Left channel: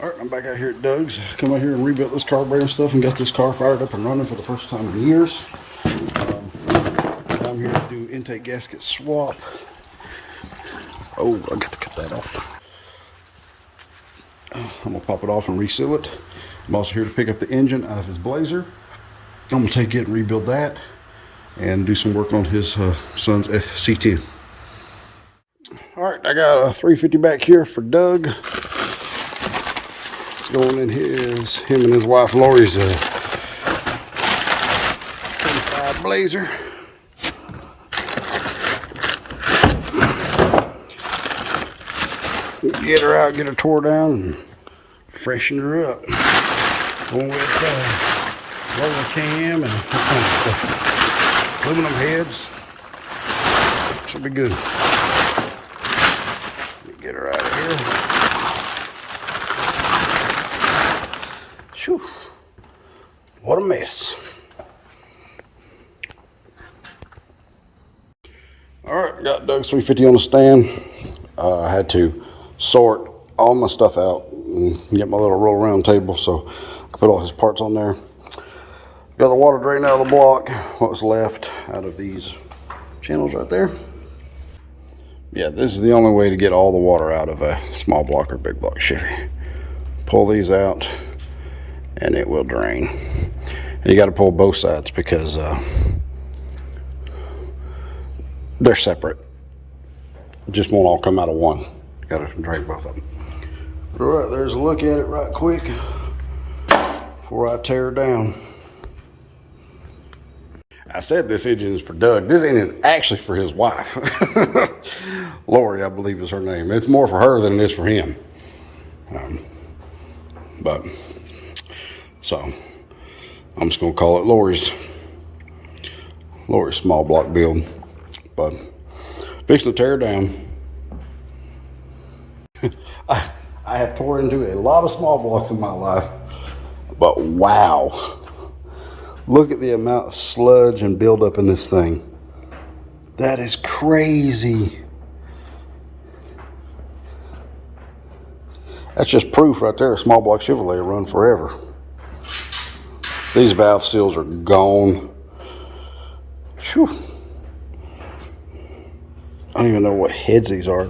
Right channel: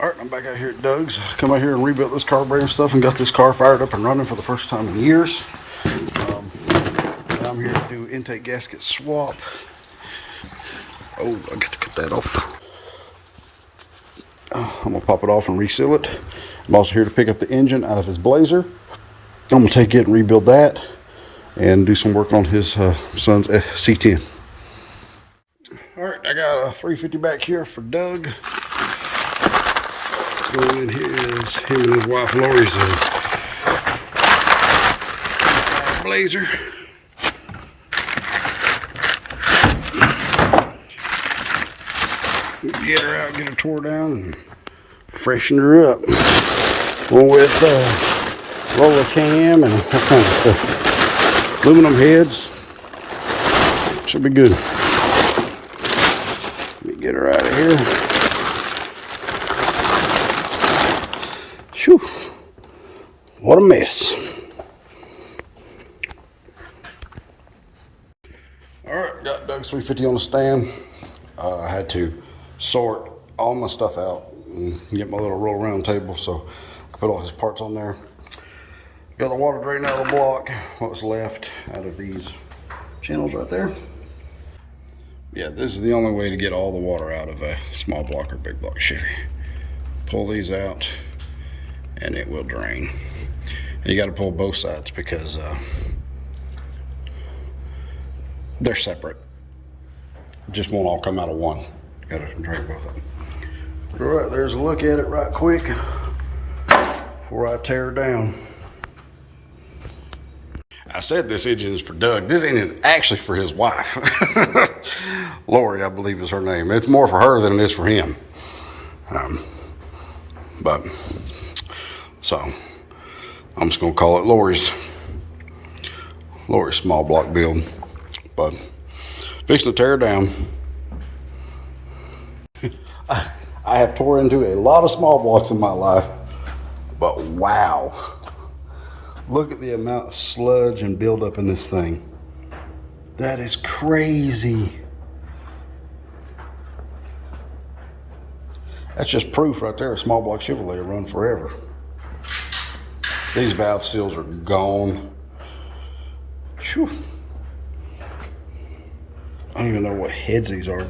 Alright, I'm back out here at Doug's. Come out here and rebuilt this carburetor and stuff and got this car fired up and running for the first time in years. Now I'm here to do intake gasket swap. Oh, I got to cut that off. I'm going to pop it off and reseal it. I'm also here to pick up the engine out of his Blazer. I'm going to take it and rebuild that and do some work on his son's C10. Alright, I got a 350 back here for Doug. Going in here is him and his wife Lori's 25 Blazer. Get her out, get her tore down, and freshen her up. One with roller cam and all kinds of stuff. Aluminum heads. Should be good. Let me get her out of here. Whew. What a mess. Alright, got Doug's 350 on the stand. I had to sort all my stuff out and get my little roll around table, so I put all his parts on there. Got the water drain out of the block, what's left out of these channels right there. Yeah, this is the only way to get all the water out of a small block or big block Chevy. Pull these out and it will drain. And you got to pull both sides because they're separate. It just won't all come out of one. You got to drain both of them. All right, there's a look at it right quick before I tear it down. I said this engine is for Doug. This engine is actually for his wife. Lori, I believe is her name. It's more for her than it is for him. So I'm just gonna call it Lori's small block build. But fixing to tear it down. I have tore into a lot of small blocks in my life, but wow. Look at the amount of sludge and buildup in this thing. That is crazy. That's just proof right there. A small block Chevrolet will run forever. These valve seals are gone. Whew. I don't even know what heads these are.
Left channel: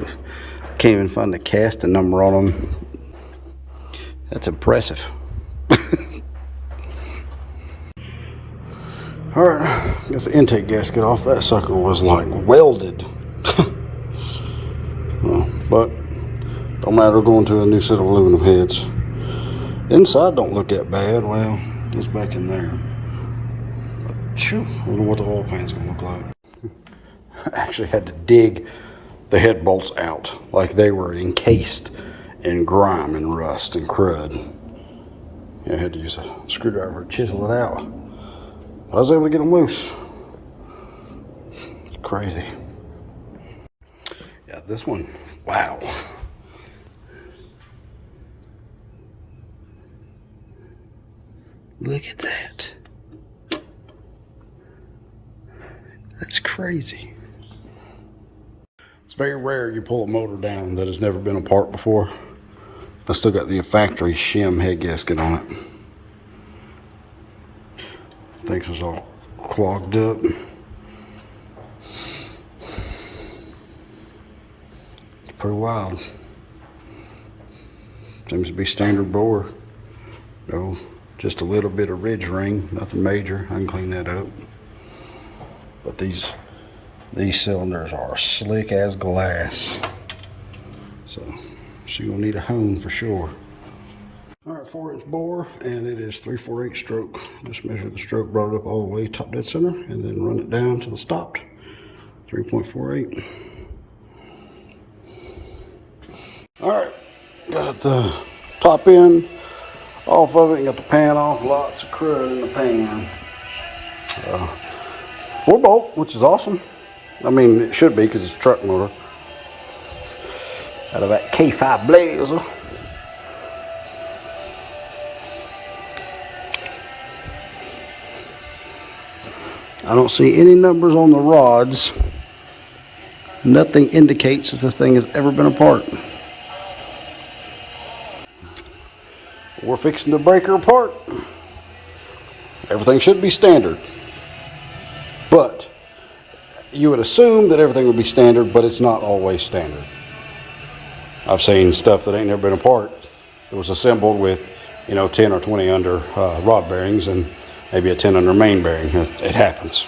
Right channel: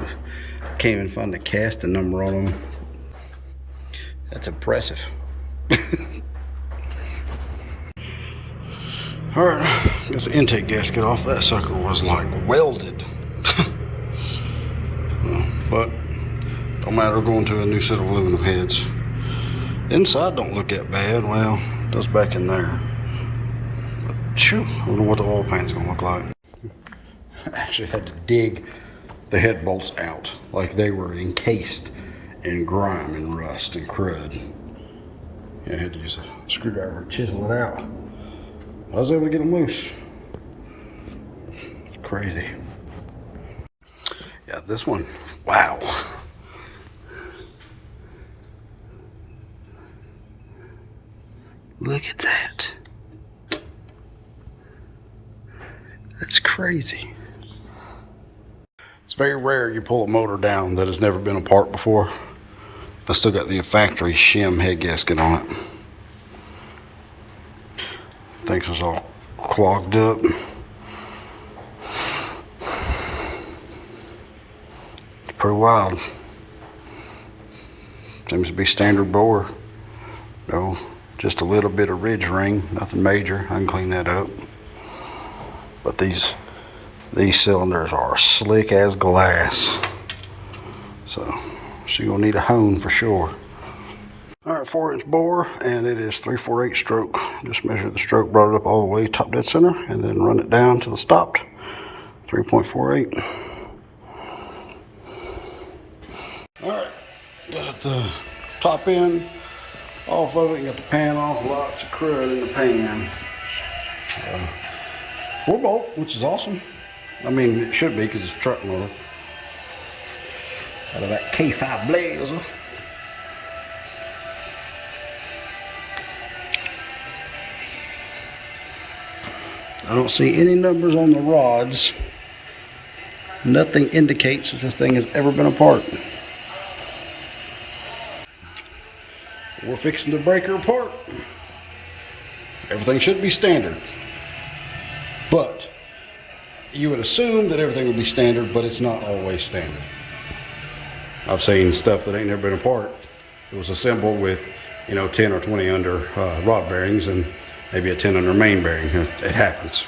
Can't even find the casting number on them. That's impressive. All right, got the intake gasket off. That sucker was like welded. But don't matter, going to a new set of aluminum heads. The inside don't look that bad. Well, it does back in there. But shoo, I wonder what the oil pan's gonna look like. I actually had to dig the head bolts out like they were encased in grime and rust and crud. Yeah, I had to use a screwdriver to chisel it out. I was able to get them loose. It's crazy. Yeah, this one, wow. Look at that. That's crazy. It's very rare you pull a motor down that has never been apart before. I still got the factory shim head gasket on it. Things was all clogged up. It's pretty wild. Seems to be standard bore. No, just a little bit of ridge ring, nothing major. I can clean that up. But these cylinders are slick as glass. So you're gonna need a hone for sure. All right, 4-inch bore, and it is 3/4 stroke. Just measured the stroke, brought it up all the way top dead center, and then run it down till it stopped. 3.48. All right, got the top end off of it, got the pan off, lots of crud in the pan. 4-bolt, which is awesome. I mean, it should be because it's a truck motor. Out of that K5 Blazer. I don't see any numbers on the rods. Nothing indicates that the thing has ever been apart. fixing to break her apart. Everything should be standard. But you would assume that everything would be standard, but it's not always standard. I've seen stuff that ain't never been apart. It was assembled with, 10 or 20 under rod bearings and maybe a 10 under main bearing. It happens.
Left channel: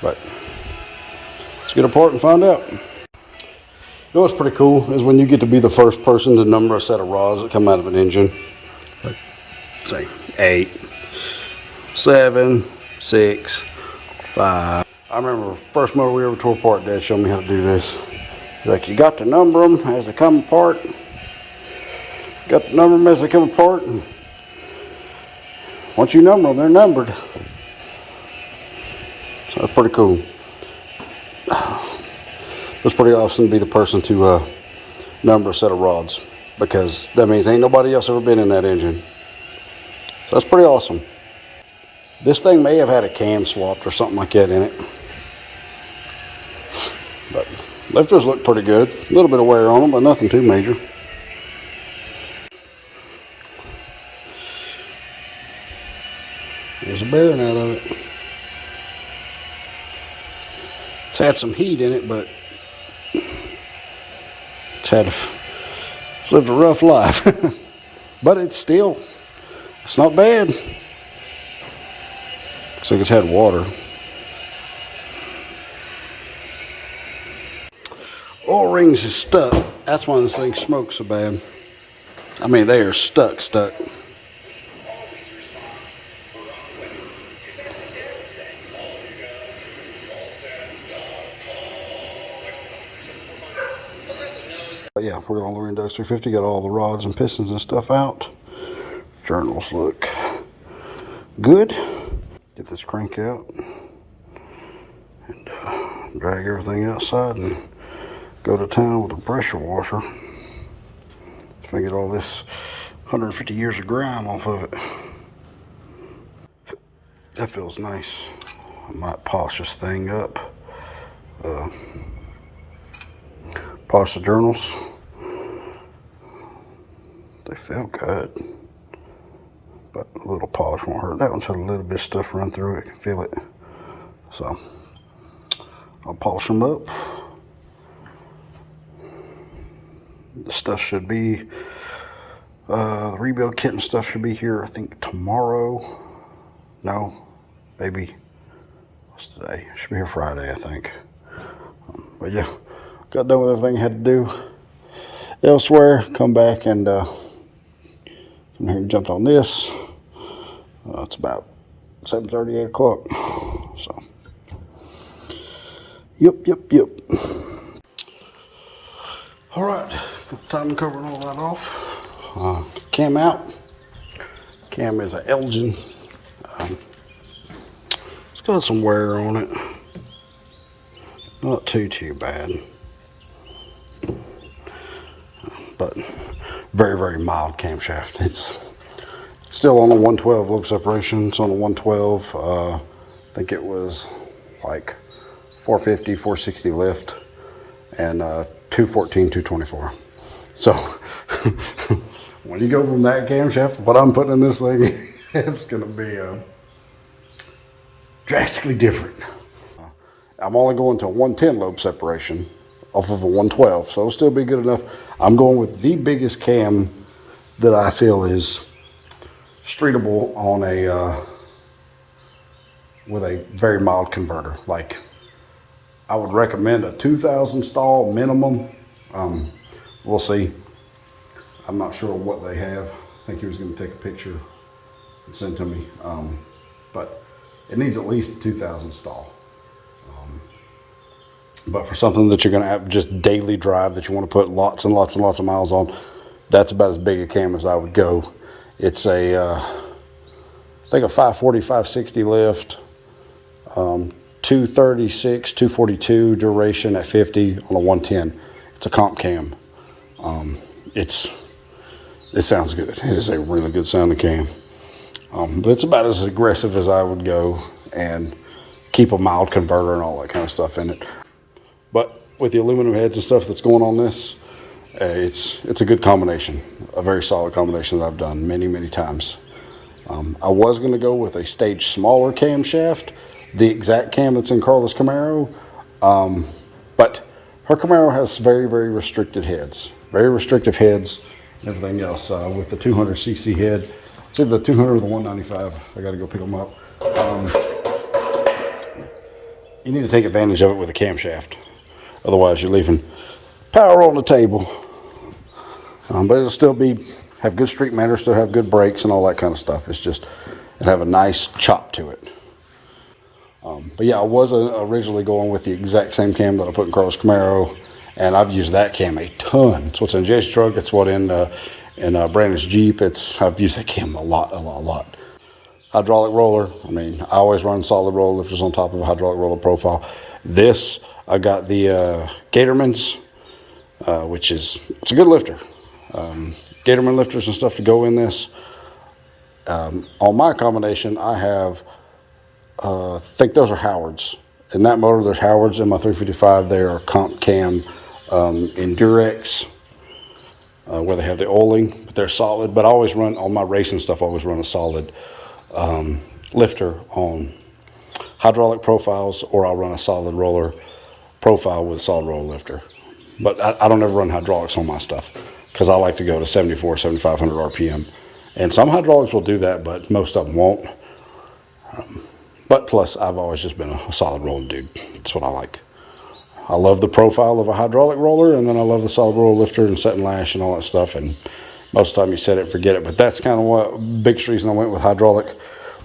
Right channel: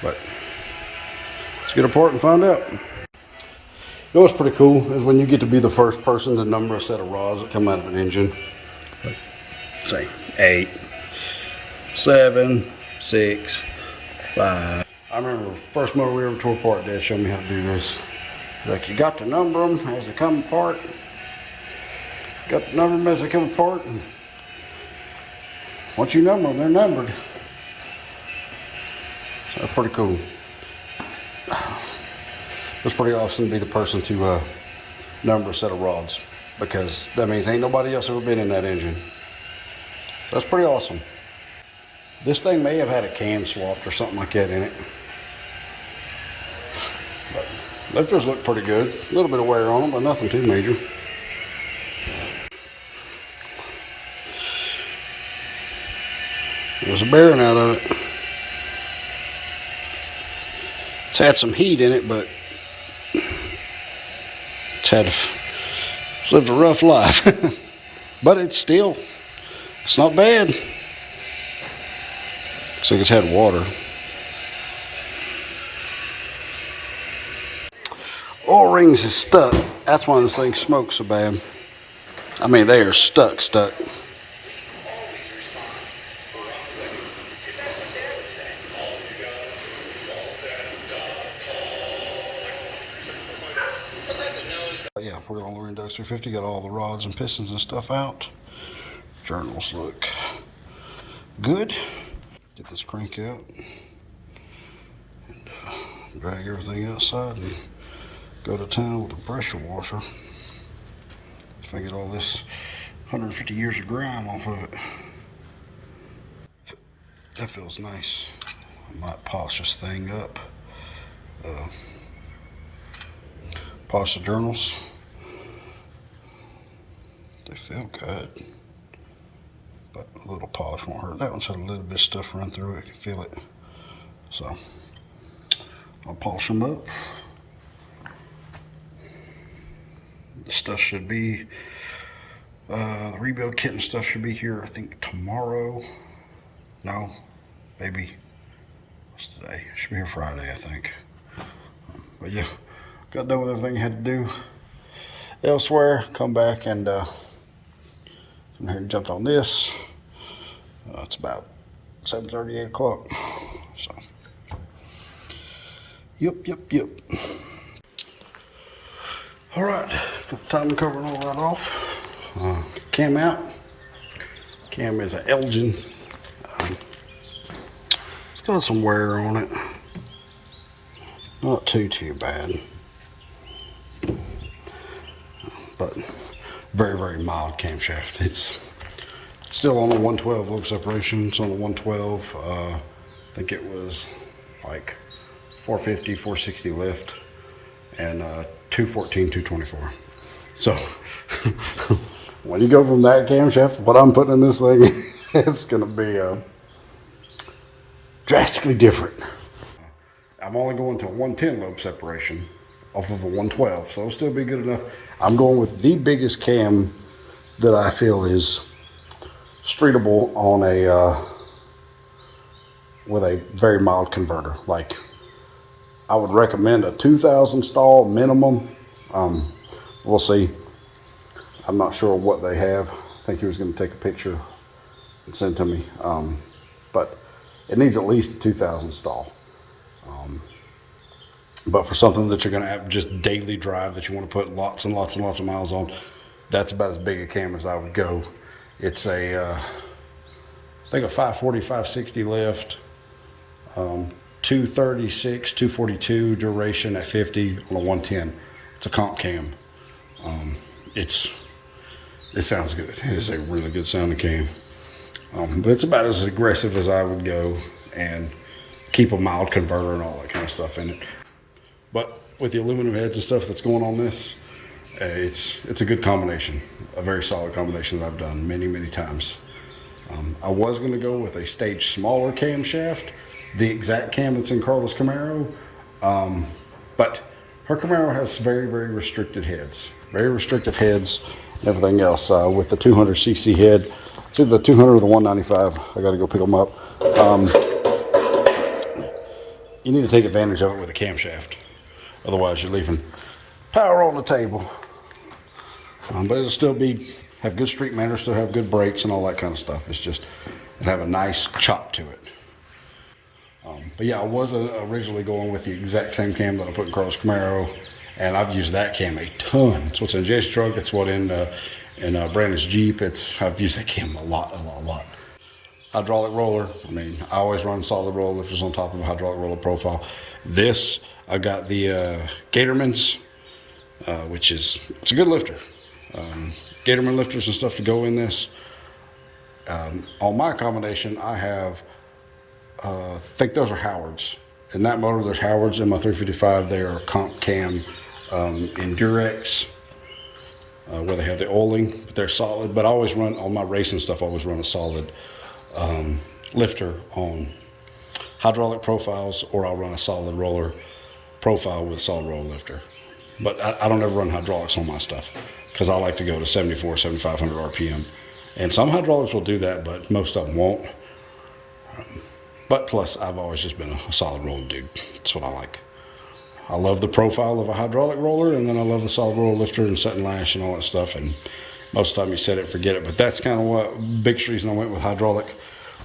But let's get apart and find out. What's pretty cool is when you get to be the first person to number a set of rods that come out of an engine. Like, say 8, 7, 6, 5. I remember the first motor we ever tore apart, Dad showed me how to do this. Like, you got to number them as they come apart. Got to number them as they come apart. And once you number them, they're numbered. So that's pretty cool. It's pretty awesome to be the person to number a set of rods, because that means ain't nobody else ever been in that engine. So that's pretty awesome. This thing may have had a cam swapped or something like that in it. But lifters look pretty good. A little bit of wear on them, but nothing too major. There's a bearing out of it. It's had some heat in it, but it's lived a rough life. But it's not bad. Looks like it's had water. Oil rings is stuck. That's why this thing smokes so bad. I mean, they are stuck. But yeah, we're on the Index 350. Got all the rods and pistons and stuff out. Journals look good. Get this crank out and drag everything outside and go to town with a pressure washer. So I get all this 150 years of grime off of it. That feels nice. I might polish this thing up. Polish the journals. They feel good, but a little polish won't hurt. That one's had a little bit of stuff run through it. I can feel it. So I'll polish them up. The stuff should be, the rebuild kit and stuff should be here, I think, tomorrow. No, maybe, what's today? Should be here Friday, I think. But yeah, got done with everything I had to do elsewhere. Come back and come here and jumped on this. It's about 7:30, 8 o'clock. So, yep. All right, got the timing cover and all that off. Cam out. Cam is an Elgin. It's got some wear on it. Not too bad. But very, very mild camshaft. It's still on the 112 lobe separation. It's on the 112. I think it was like 450, 460 lift, and 214, 224. So when you go from that camshaft to what I'm putting in this thing, it's going to be drastically different. I'm only going to 110 lobe separation off of a 112, so it'll still be good enough. I'm going with the biggest cam that I feel is streetable on a with a very mild converter. Like, I would recommend a 2000 stall minimum. We'll see. I'm not sure what they have. I think he was going to take a picture and send to me. But it needs at least a 2000 stall. But for something that you're going to have just daily drive, that you want to put lots and lots and lots of miles on, that's about as big a cam as I would go. It's a, I think a 540, 560 lift, 236, 242 duration at 50 on a 110. It's a comp cam. It sounds good. It is a really good sounding cam. But it's about as aggressive as I would go, and keep a mild converter and all that kind of stuff in it. But with the aluminum heads and stuff that's going on this, It's a good combination, a very solid combination that I've done many times. I was going to go with a stage smaller camshaft, the exact cam that's in Carla's Camaro, but her Camaro has very restricted heads, very restrictive heads, and everything else. With the 200cc head, it's either the 200 or the 195. I got to go pick them up. You need to take advantage of it with a camshaft, otherwise you're leaving power on the table. But it'll still have good street manners, still have good brakes and all that kind of stuff. It's just, it have a nice chop to it. But yeah, I was originally going with the exact same cam that I put in Carlos Camaro, and I've used that cam a ton. It's what's in Jason's truck. It's what in Brandon's Jeep. I've used that cam a lot. Hydraulic roller. I mean, I always run solid roller lifters on top of a hydraulic roller profile. This, I got the Gatorman's, which it's a good lifter. Gatorman lifters and stuff to go in this. On my combination, I have, I think those are Howards. In that motor, there's Howards. In my 355, they are Comp Cam Endurex, where they have the oiling, but they're solid. But I always run, on my racing stuff, I always run a solid lifter on hydraulic profiles, or I'll run a solid roller profile with a solid roller lifter. But I don't ever run hydraulics on my stuff, because I like to go to 7,500 RPM. And some hydraulics will do that, but most of them won't. But plus, I've always just been a solid roller dude. That's what I like. I love the profile of a hydraulic roller, and then I love the solid roller lifter and set and lash and all that stuff. And most of the time you set it and forget it. But that's kind of what biggest reason I went with hydraulic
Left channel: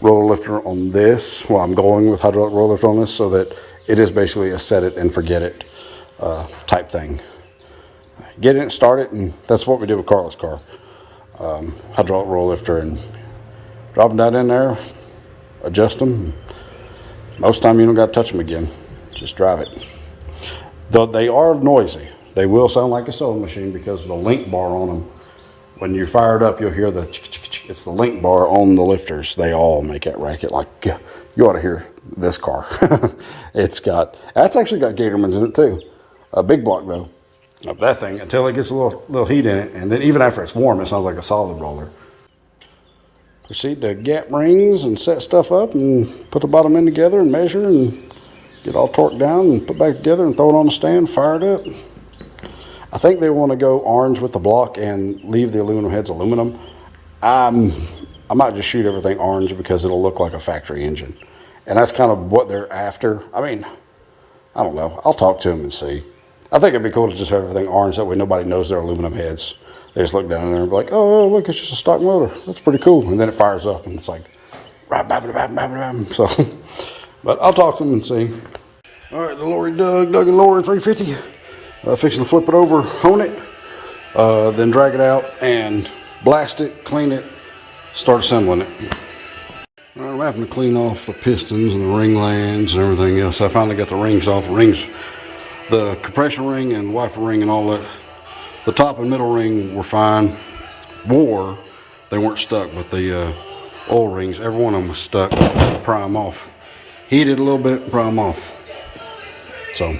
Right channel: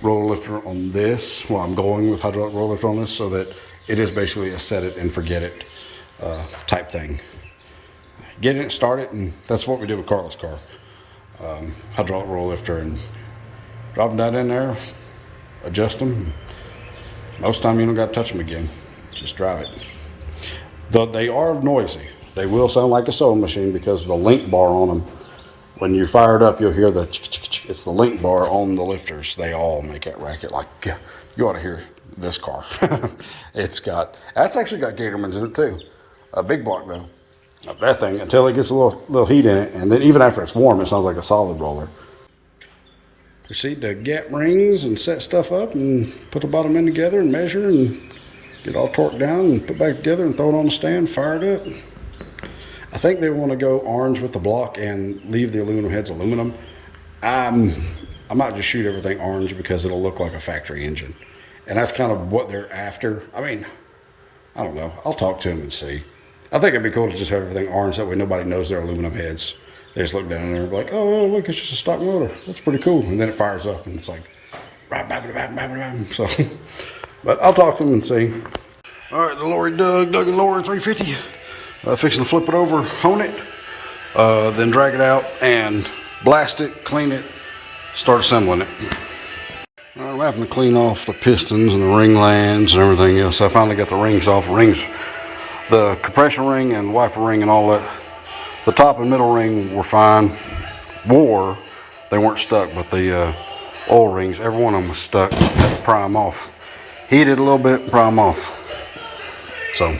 roller lifter on this. Well, I'm going with hydraulic roller lifter on this, so that it is basically a set it and forget it type thing. Get it, start it, and that's what we did with Carla's car. Hydraulic roller lifter, and drop them down in there, adjust them. Most of the time you don't got to touch them again. Just drive it. Though they are noisy. They will sound like a sewing machine because of the link bar on them. When you fire it up, you'll hear it's the link bar on the lifters. They all make that racket. Like, you ought to hear this car. That's actually got Gatorman's in it too. A big block though. That thing, until it gets a little heat in it, and then even after it's warm, it sounds like a solid roller. Proceed to gap rings and set stuff up and put the bottom end together and measure and get all torqued down and put back together and throw it on the stand, fire it up. I think they want to go orange with the block and leave the aluminum heads aluminum. I might just shoot everything orange because it'll look like a factory engine. And that's kind of what they're after. I mean, I don't know. I'll talk to them and see. I think it'd be cool to just have everything orange. That way nobody knows they're aluminum heads. They just look down there and be like, oh, look, it's just a stock motor. That's pretty cool. And then it fires up and it's like, so, but I'll talk to them and see. All right, the Lori Doug and Lori 350. Fixing to flip it over, hone it, then drag it out and blast it, clean it, start assembling it. All right, I'm having to clean off the pistons and the ring lands and everything else. I finally got the rings off. The compression ring and wiper ring and all that. The top and middle ring were fine. They weren't stuck, but the oil rings, every one of them was stuck. Had to pry them off. Heated a little bit, pry them off. So,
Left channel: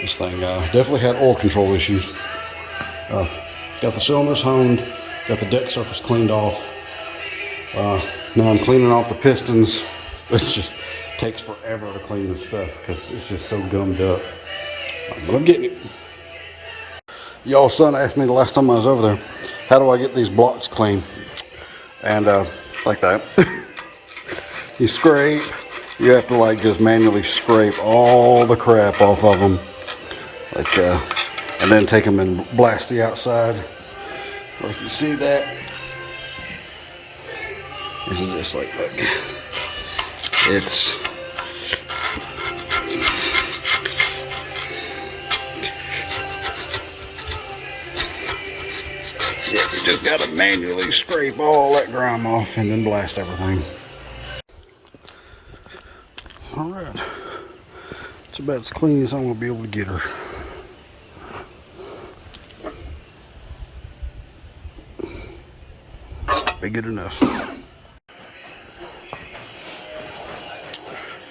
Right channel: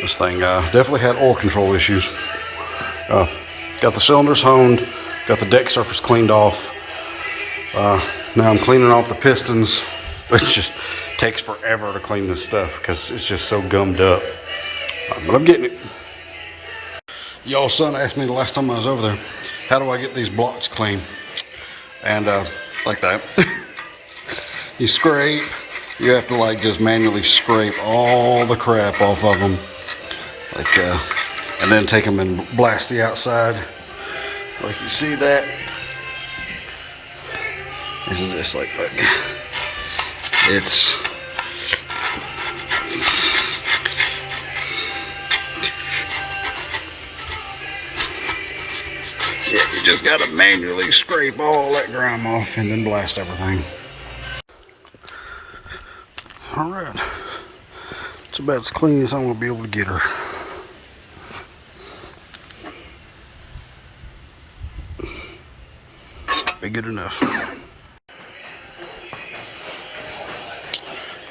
this thing definitely had oil control issues. Got the cylinders honed, got the deck surface cleaned off. Now I'm cleaning off the pistons. It just takes forever to clean this stuff because it's just so gummed up. But I'm getting it. Y'all's son asked me the last time I was over there, how do I get these blocks clean? And like that. You scrape. You have to like just manually scrape all the crap off of them. Like, and then take them and blast the outside. Like you see that. And just like, look. It's yeah, you just gotta manually scrape all that grime off and then blast everything. All right, it's about as clean as I'm gonna be able to get her. Be good enough.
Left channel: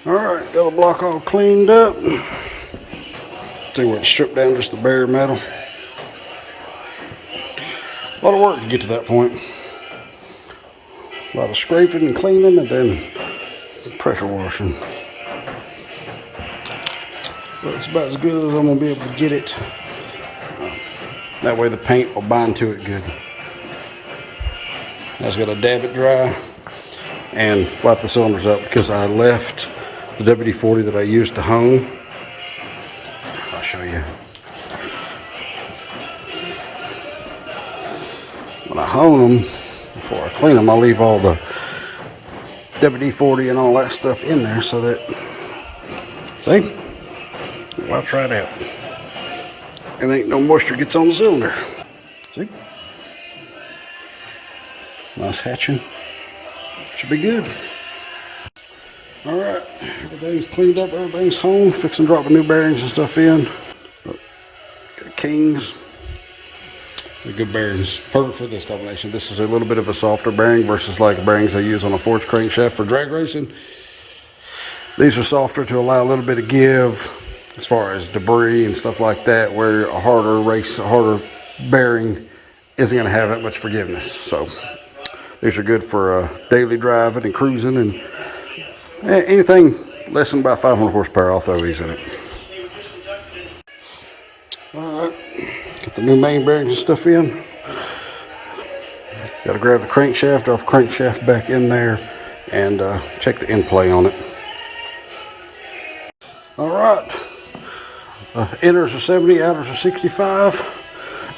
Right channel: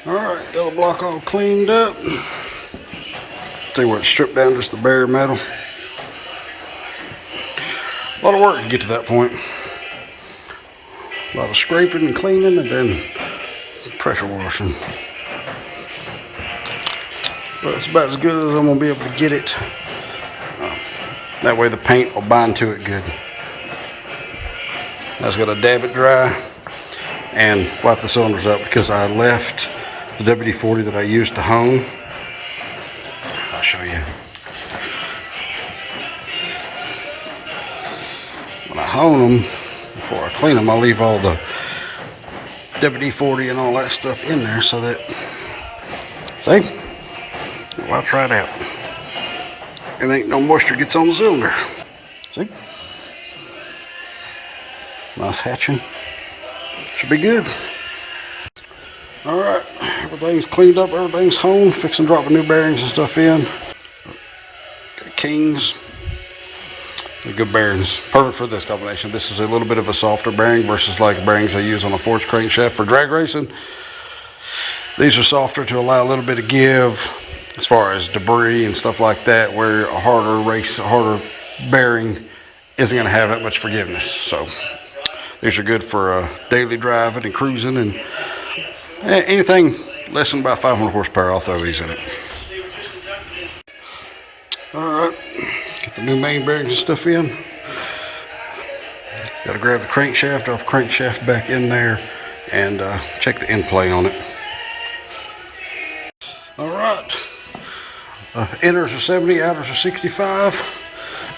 All right, got the block all cleaned up. See where it's stripped down just the bare metal. lot of work to get to that point. A lot of scraping and cleaning, and then pressure washing. But it's about as good as I'm going to be able to get it. That way the paint will bind to it good. I just got to dab it dry and wipe the cylinders up because I left the WD-40 that I used to hone. I'll show you. When I hone them, before I clean them, I leave all the WD-40 and all that stuff in there so that, see? Well, I'll try it out. And ain't no moisture gets on the cylinder. See? Nice hatching. Should be good. All right, everything's cleaned up, everything's honed. Fixing to drop the new bearings and stuff in. Got Kings. They're good bearings. Perfect for this combination. This is a little bit of a softer bearing versus like bearings I use on a forged crankshaft for drag racing. These are softer to allow a little bit of give as far as debris and stuff like that, where a harder bearing isn't going to have that much forgiveness. So these are good for daily driving and cruising, and anything less than about 500 horsepower, I'll throw these in it. All right, get the new main bearings and stuff in. Got to grab the crankshaft, drop the crankshaft back in there, and check the end play on it. All right. Inners are 70, outers are 65.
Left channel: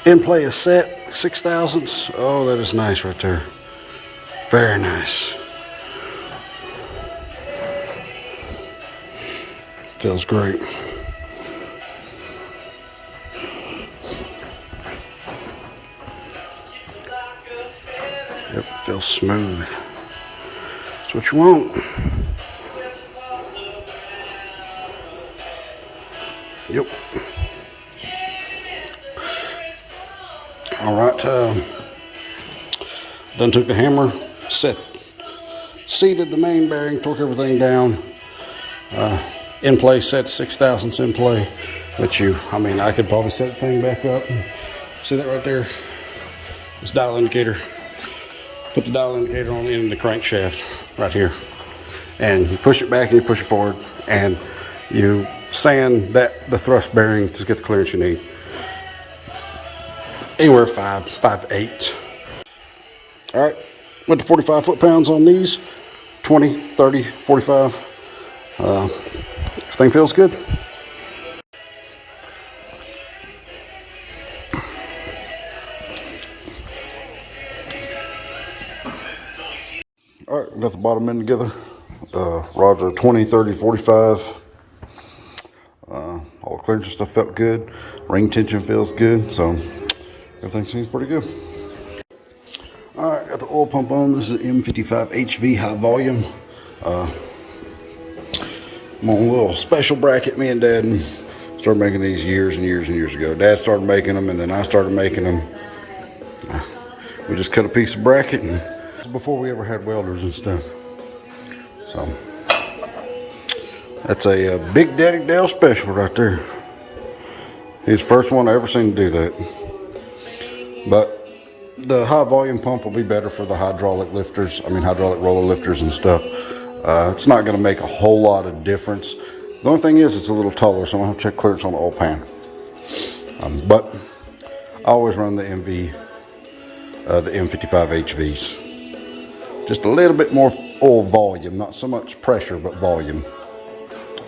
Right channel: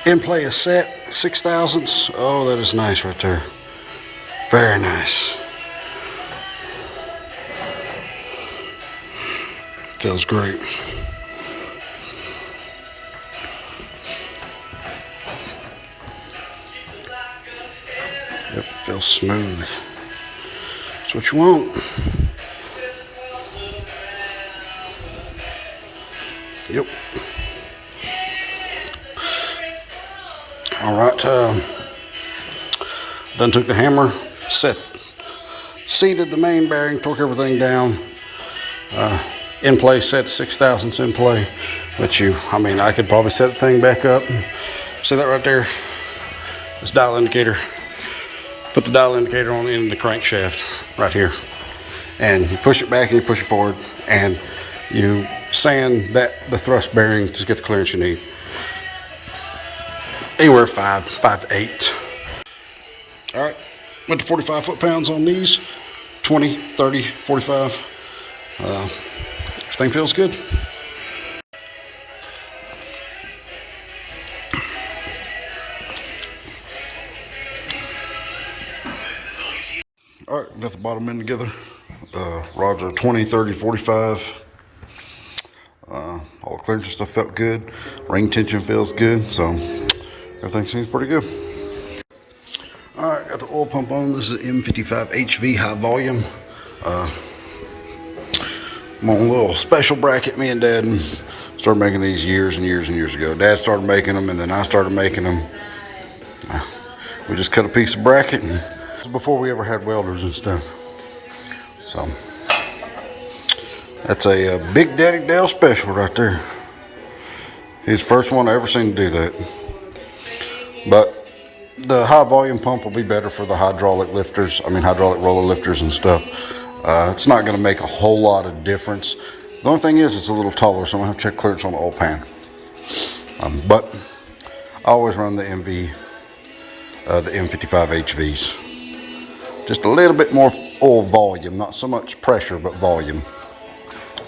End play is set, 6 thousandths. Oh, that is nice right there. Very nice. Feels great. Yep, feels smooth. That's what you want. Yep. All right. Done took the hammer, seated the main bearing, torque everything down. In play set 6 thousandths in play, which I could probably set the thing back up. See that right there? This dial indicator. Put the dial indicator on the end of the crankshaft right here, and you push it back and you push it forward, and you sand the thrust bearing to get the clearance you need. Anywhere 5 to 8. All right, went to 45 foot-pounds on these. 20, 30, 45. Everything feels good. All right, got the bottom end together. Rods are 20, 30, 45. All the clearance and stuff felt good. Ring tension feels good, so everything seems pretty good. All right, got the oil pump on. This is M55 HV high volume. I'm on a little special bracket. Me and Dad started making these years and years and years ago. Dad started making them, and then I started making them. We just cut a piece of bracket, and this was before we ever had welders and stuff. So that's a Big Daddy Dale special right there. He's the first one I ever seen do that. But the high volume pump will be better for the hydraulic roller lifters and stuff. It's not going to make a whole lot of difference. The only thing is it's a little taller, so I'm going to have to check clearance on the oil pan. But I always run the M55 HVs. Just a little bit more oil volume, not so much pressure, but volume.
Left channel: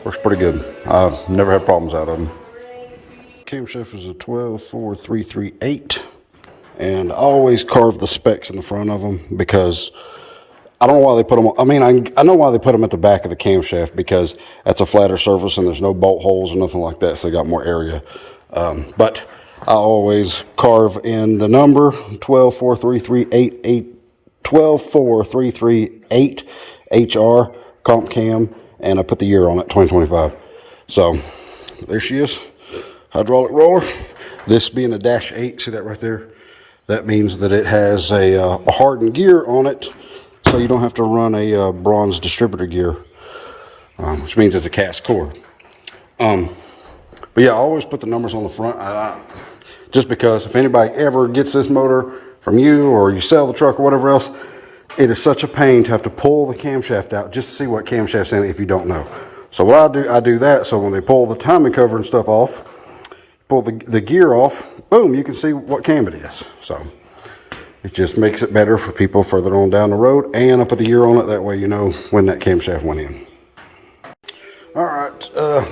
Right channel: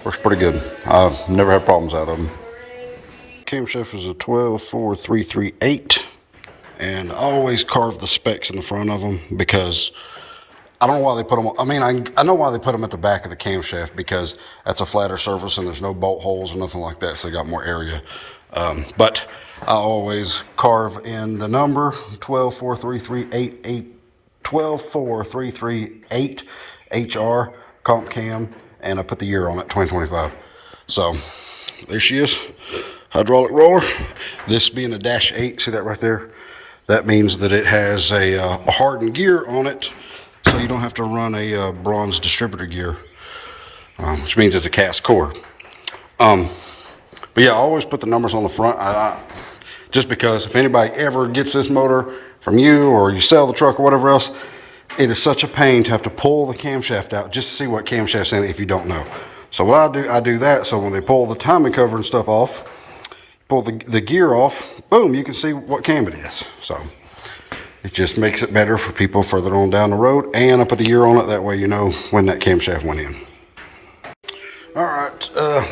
Works pretty good. I've never had problems out of them. Camshaft is a 124338, and I always carve the specs in the front of them because I don't know why they put them on. I know why they put them at the back of the camshaft, because that's a flatter surface and there's no bolt holes or nothing like that, so they got more area. But I always carve in the number 124338 HR comp cam, and I put the year on it, 2025. So there she is. Hydraulic roller. This being a -8, see that right there? That means that it has a hardened gear on it, so you don't have to run a bronze distributor gear, which means it's a cast core. But yeah, I always put the numbers on the front, just because if anybody ever gets this motor from you, or you sell the truck or whatever else, it is such a pain to have to pull the camshaft out just to see what camshaft's in it if you don't know. So what I do that, so when they pull the timing cover and stuff off, pull the gear off, boom, you can see what cam it is. So it just makes it better for people further on down the road, and I put the year on it, that way you know when that camshaft went in. All right,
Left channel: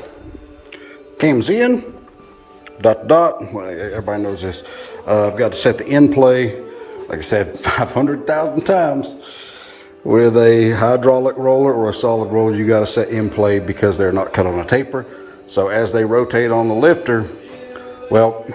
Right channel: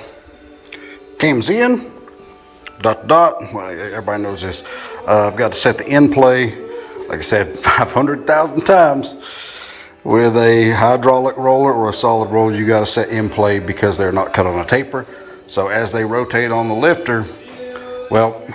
cam's in, dot, well, everybody knows this. I've got to set the end play, like I said, 500,000 times. With a hydraulic roller or a solid roller, you got to set end play because they're not cut on a taper. So as they rotate on the lifter, well,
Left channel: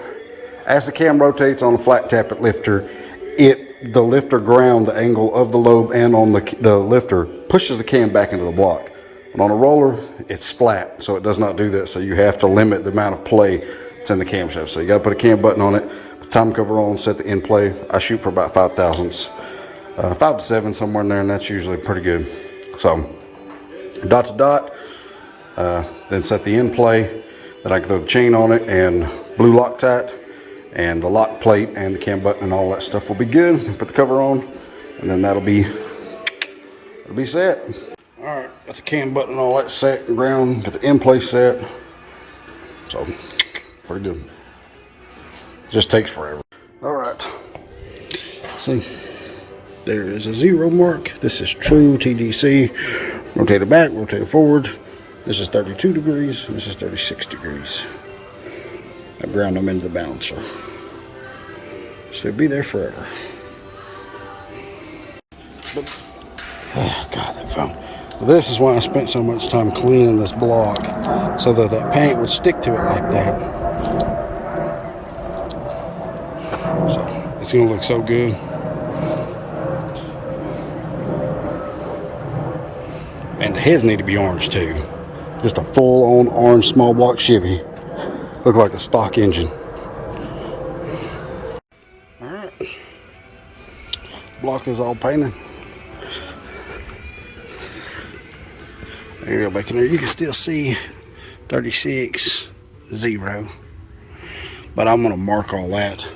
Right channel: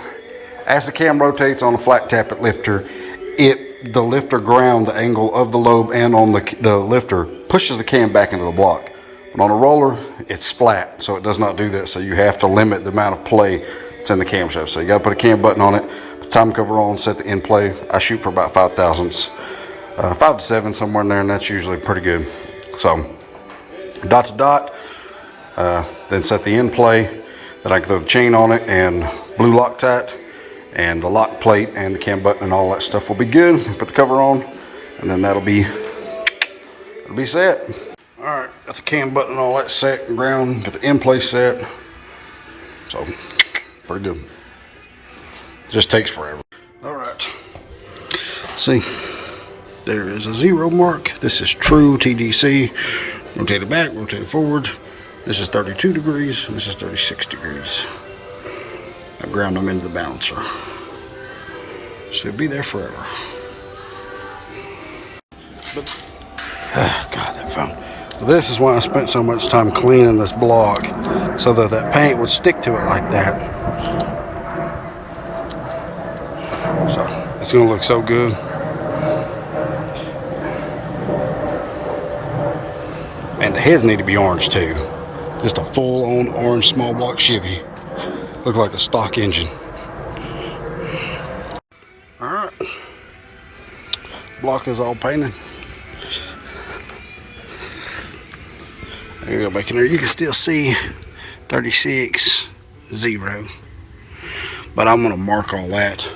as the cam rotates on a flat tappet lifter, the lifter ground, the angle of the lobe and on the lifter pushes the cam back into the block. But on a roller, it's flat, so it does not do that. So you have to limit the amount of play that's in the camshaft. So you got to put a cam button on it, put the time cover on, set the end play. I shoot for about 5 thousandths, 5 to 7, somewhere in there, and that's usually pretty good. So dot to dot, then set the end play. Then I can throw the chain on it and blue Loctite, and the lock plate and the cam button and all that stuff will be good. Put the cover on, and then it'll be set. All right, got the cam button and all that set and ground, got the end plate set. So pretty good. Just takes forever. All right, see, there is a 0 mark. This is true TDC. Rotate it back, rotate it forward. This is 32 degrees, and this is 36 degrees. I ground them into the balancer. So it'll be there forever. But, God, that phone. This is why I spent so much time cleaning this block, so that that paint would stick to it like that. So it's gonna look so good. And the heads need to be orange too. Just a full-on orange small block Chevy. Look like a stock engine. All right, block is all painted. There you go, back in there. You can still see 36, 0. But I'm gonna mark all that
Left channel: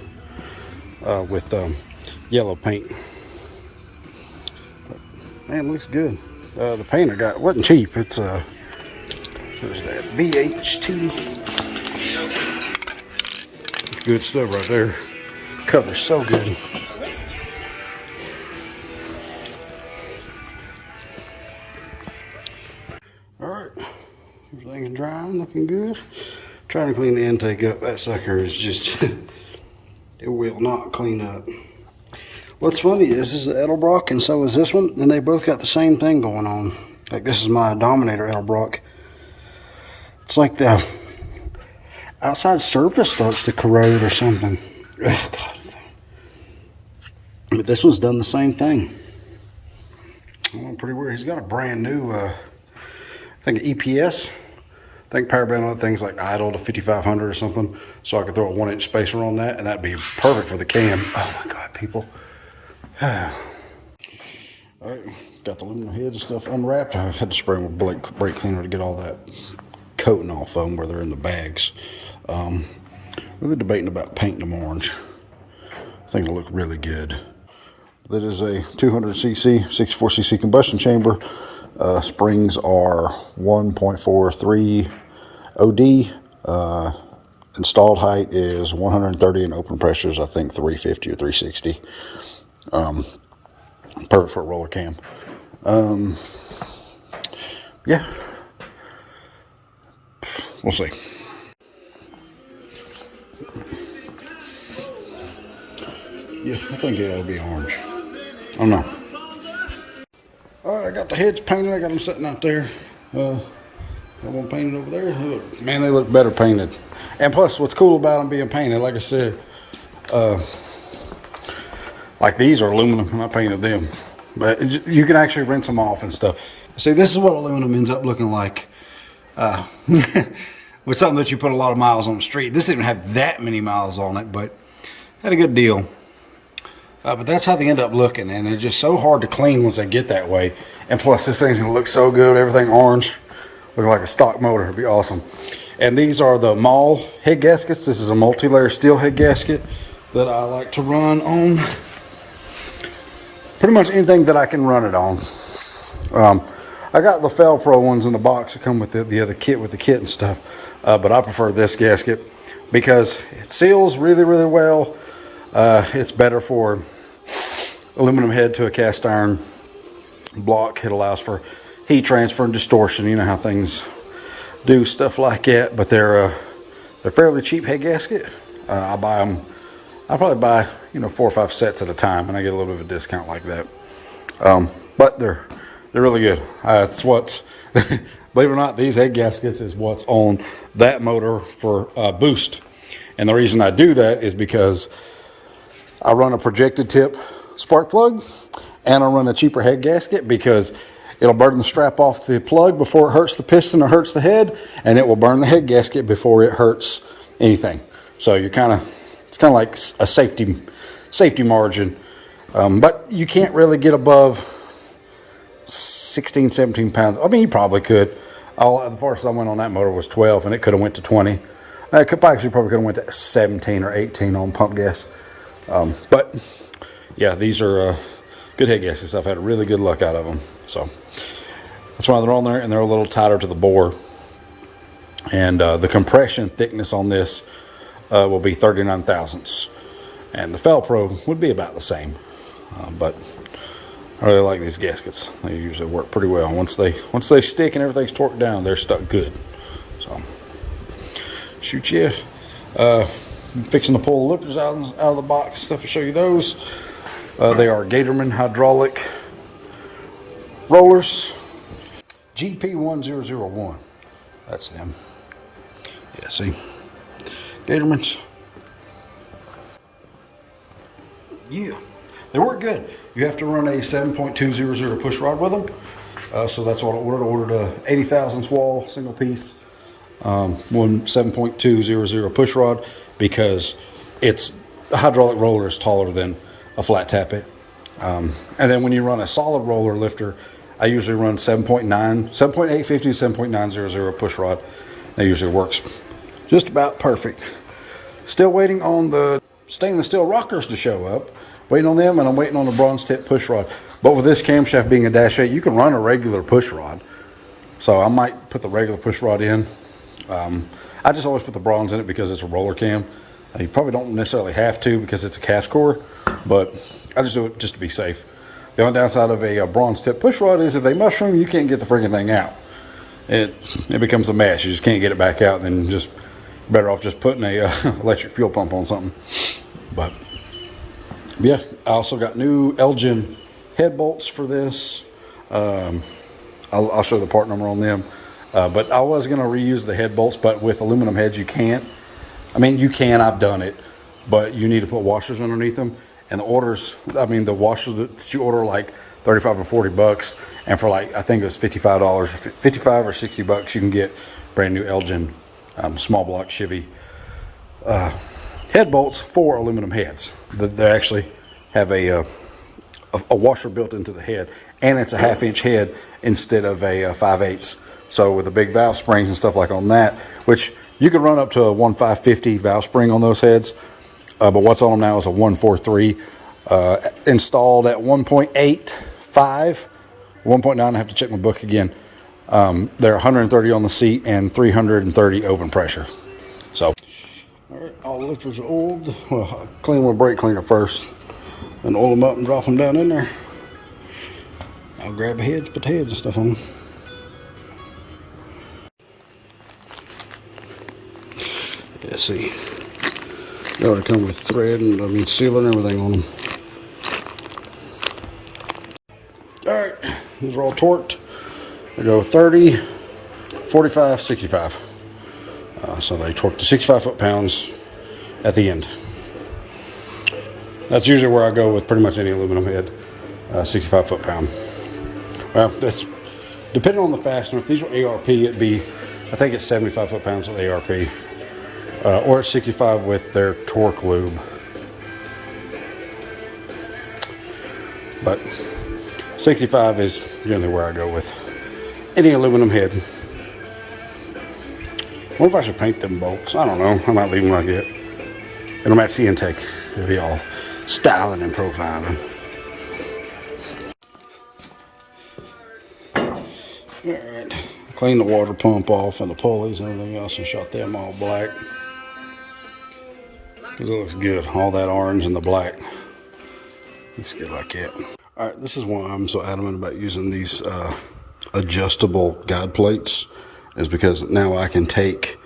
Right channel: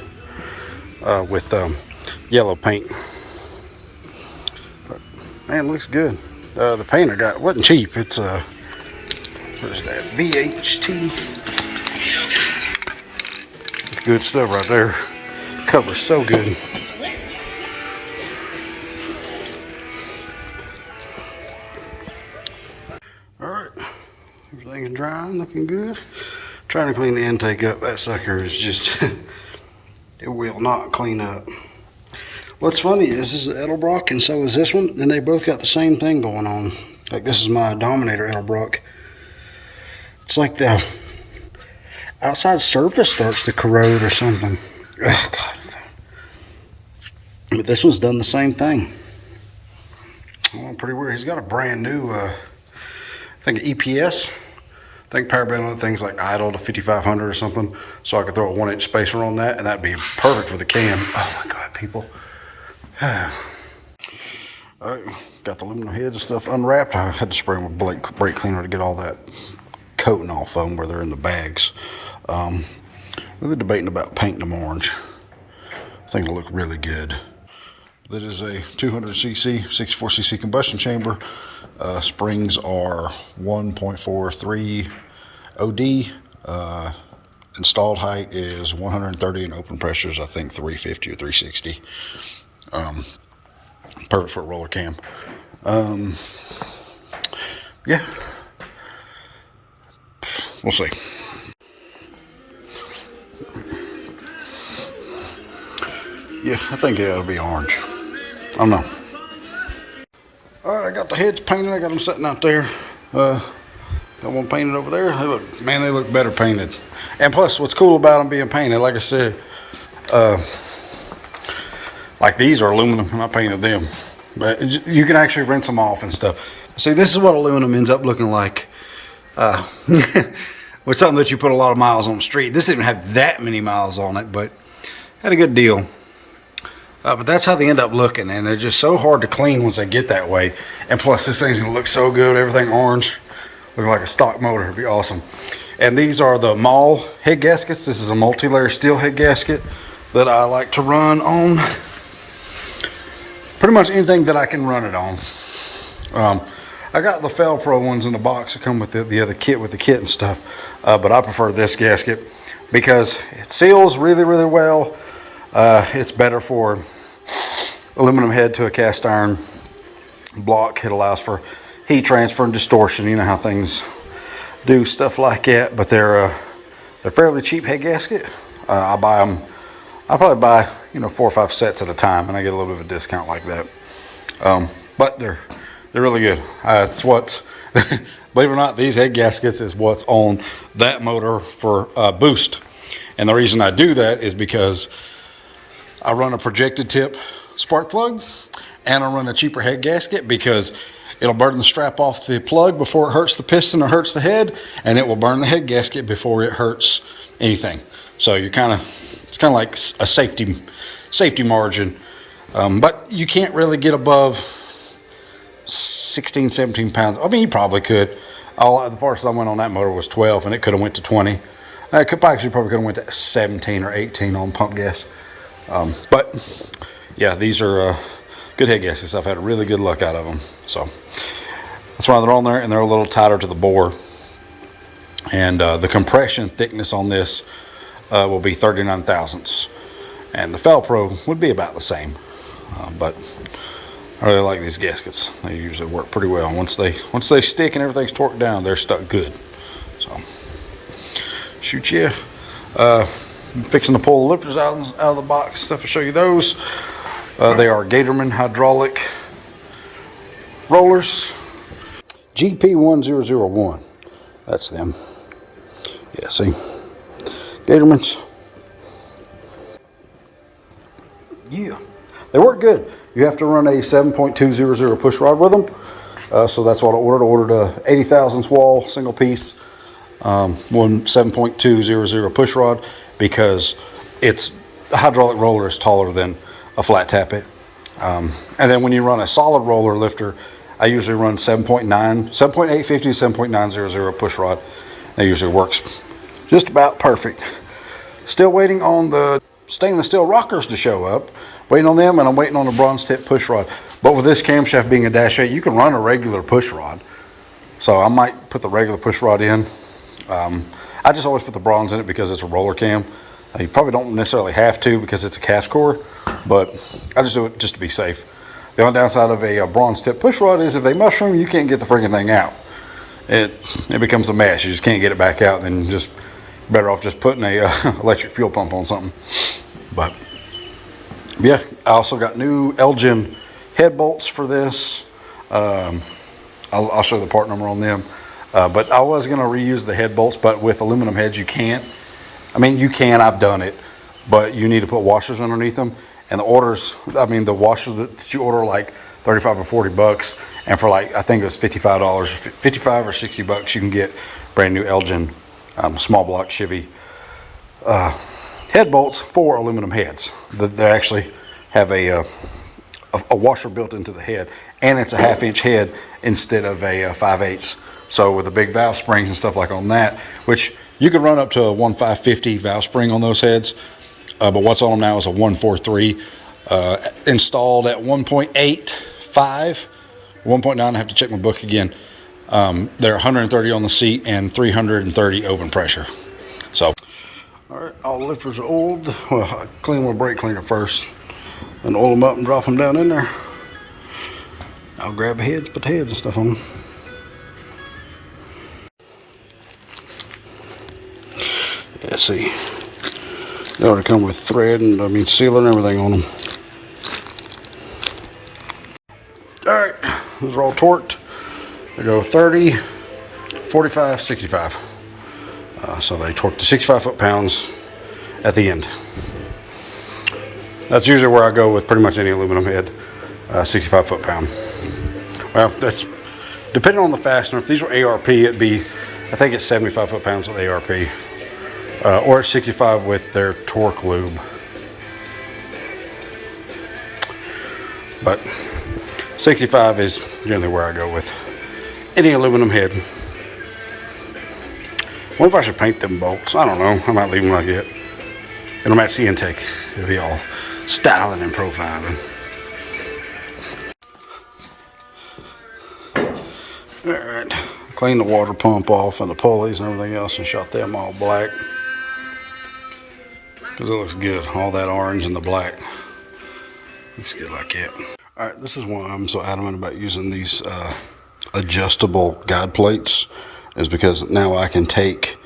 with yellow paint. But man, it looks good. The paint I got wasn't cheap. It's what is that? VHT. Good stuff right there. Covers so good. All right, everything's drying, looking good. Trying to clean the intake up. That sucker is just, it will not clean up. What's funny is this is Edelbrock and so is this one, and they both got the same thing going on. Like this is my Dominator Edelbrock. It's like the outside surface starts to corrode or something. Oh, God. But this one's done the same thing. Oh, pretty weird. He's got a brand new, I think EPS. I think power band on that thing's like idle to 5500 or something. So I could throw a 1-inch spacer on that, and that'd be perfect for the cam. Oh my God, people. All right, got the aluminum heads and stuff unwrapped. I had to spray them with brake cleaner to get all that coating off of them where they're in the bags. Really debating about painting them orange. I think it'll look really good. That is a 200cc, 64cc combustion chamber. Springs are 1.43 OD. Installed height is 130 and open pressure is I think 350 or 360. Perfect for a roller cam. Yeah, we'll see. Yeah, I think it'll be orange. I don't know. All right, I got the heads painted. I got them sitting out there. Got one painted over there. They look better painted. And plus, what's cool about them being painted, like I said, like these are aluminum, and I painted them. But you can actually rinse them off and stuff. See, this is what aluminum ends up looking like with something that you put a lot of miles on the street. This didn't have that many miles on it, but had a good deal. But that's how they end up looking, and they're just so hard to clean once they get that way. And plus, this thing's gonna look so good, everything orange, look like a stock motor. It'd be awesome. And these are the Mall head gaskets. This is a multi-layer steel head gasket that I like to run on pretty much anything that I can run it on. I got the Felpro ones in the box that come with the other kit with the kit and stuff, but I prefer this gasket because it seals really, really well. It's better for aluminum head to a cast iron block. It allows for heat transfer and distortion. You know how things do stuff like that, but they're fairly cheap head gasket. I buy them. I probably buy 4 or 5 sets at a time, and I get a little bit of a discount like that. But they're really good. It's what's believe it or not, these head gaskets is what's on that motor for boost. And the reason I do that is because I run a projected tip spark plug, and I run a cheaper head gasket because it'll burn the strap off the plug before it hurts the piston or hurts the head, and it will burn the head gasket before it hurts anything. So it's kind of like a safety margin. But you can't really get above 16, 17 pounds. I mean, you probably could. The farthest I went on that motor was 12, and it could have went to 20. It probably could have went to 17 or 18 on pump gas. But yeah, these are good head gaskets. I've had really good luck out of them. So that's why they're on there, and they're a little tighter to the bore. And the compression thickness on this will be 39 thousandths, and the Felpro would be about the same. But I really like these gaskets. They usually work pretty well. Once they stick and everything's torqued down, they're stuck good. So shoot, yeah. I'm fixing to pull the lifters out of the box. Stuff to show you those. They are Gatorman hydraulic rollers. GP1001. That's them. Yeah, see? Gatormans. Yeah. They work good. You have to run a 7.200 push rod with them. So that's what I ordered. I ordered a 80 thousandths wall, single piece, one 7.200 push rod, because the hydraulic roller is taller than a flat tappet. And then when you run a solid roller lifter, I usually run 7.850, 7.900 push rod. That usually works just about perfect. Still waiting on the stainless steel rockers to show up. Waiting on them, and I'm waiting on a bronze tip push rod. But with this camshaft being a dash 8, you can run a regular push rod. So I might put the regular push rod in. I just always put the bronze in it because it's a roller cam. You probably don't necessarily have to because it's a cast core, but I just do it just to be safe. The only downside of a bronze tip push rod is if they mushroom, you can't get the freaking thing out. It becomes a mess. You just can't get it back out. Then just better off just putting a electric fuel pump on something. But yeah, I also got new Elgin head bolts for this. I'll show the part number on them. But I was going to reuse the head bolts, but with aluminum heads you can't. I mean, you can, I've done it, but you need to put washers underneath them. And the washers that you order like 35 or 40 bucks, and for like, I think it was $55, 55 or 60 bucks, you can get brand new Elgin small block Chevy head bolts for aluminum heads. They actually have a washer built into the head, and it's a 1/2 inch head instead of a 5/8. So with the big valve springs and stuff like on that, which you could run up to a 1.550 valve spring on those heads, but what's on them now is a 1.43 installed at 1.85, 1.9. I have to check my book again. They're 130 on the seat and 330 open pressure. So, all right, all the lifters are oiled. Well, I clean them with a brake cleaner first, then oil them up and drop them down in there. I'll grab the heads, put the heads and stuff on them. Yeah, see, they already come with thread and sealer and everything on them. All right, those are all torqued. They go 30, 45, 65. So they torque to 65 foot-pounds at the end. That's usually where I go with pretty much any aluminum head, 65 foot-pound. Well, that's depending on the fastener. If these were ARP, it'd be, I think it's 75 foot-pounds with ARP. Or it's 65 with their torque lube. But 65 is generally where I go with any aluminum head. What if I should paint them bolts? I don't know. I might leave them like that. It'll match the intake. It'll be all styling and profiling. All right, clean the water pump off and the pulleys and everything else and shot them all black. Because it looks good, all that orange and the black. Looks good like that. All right, this is why I'm so adamant about using these adjustable guide plates, is because now I can take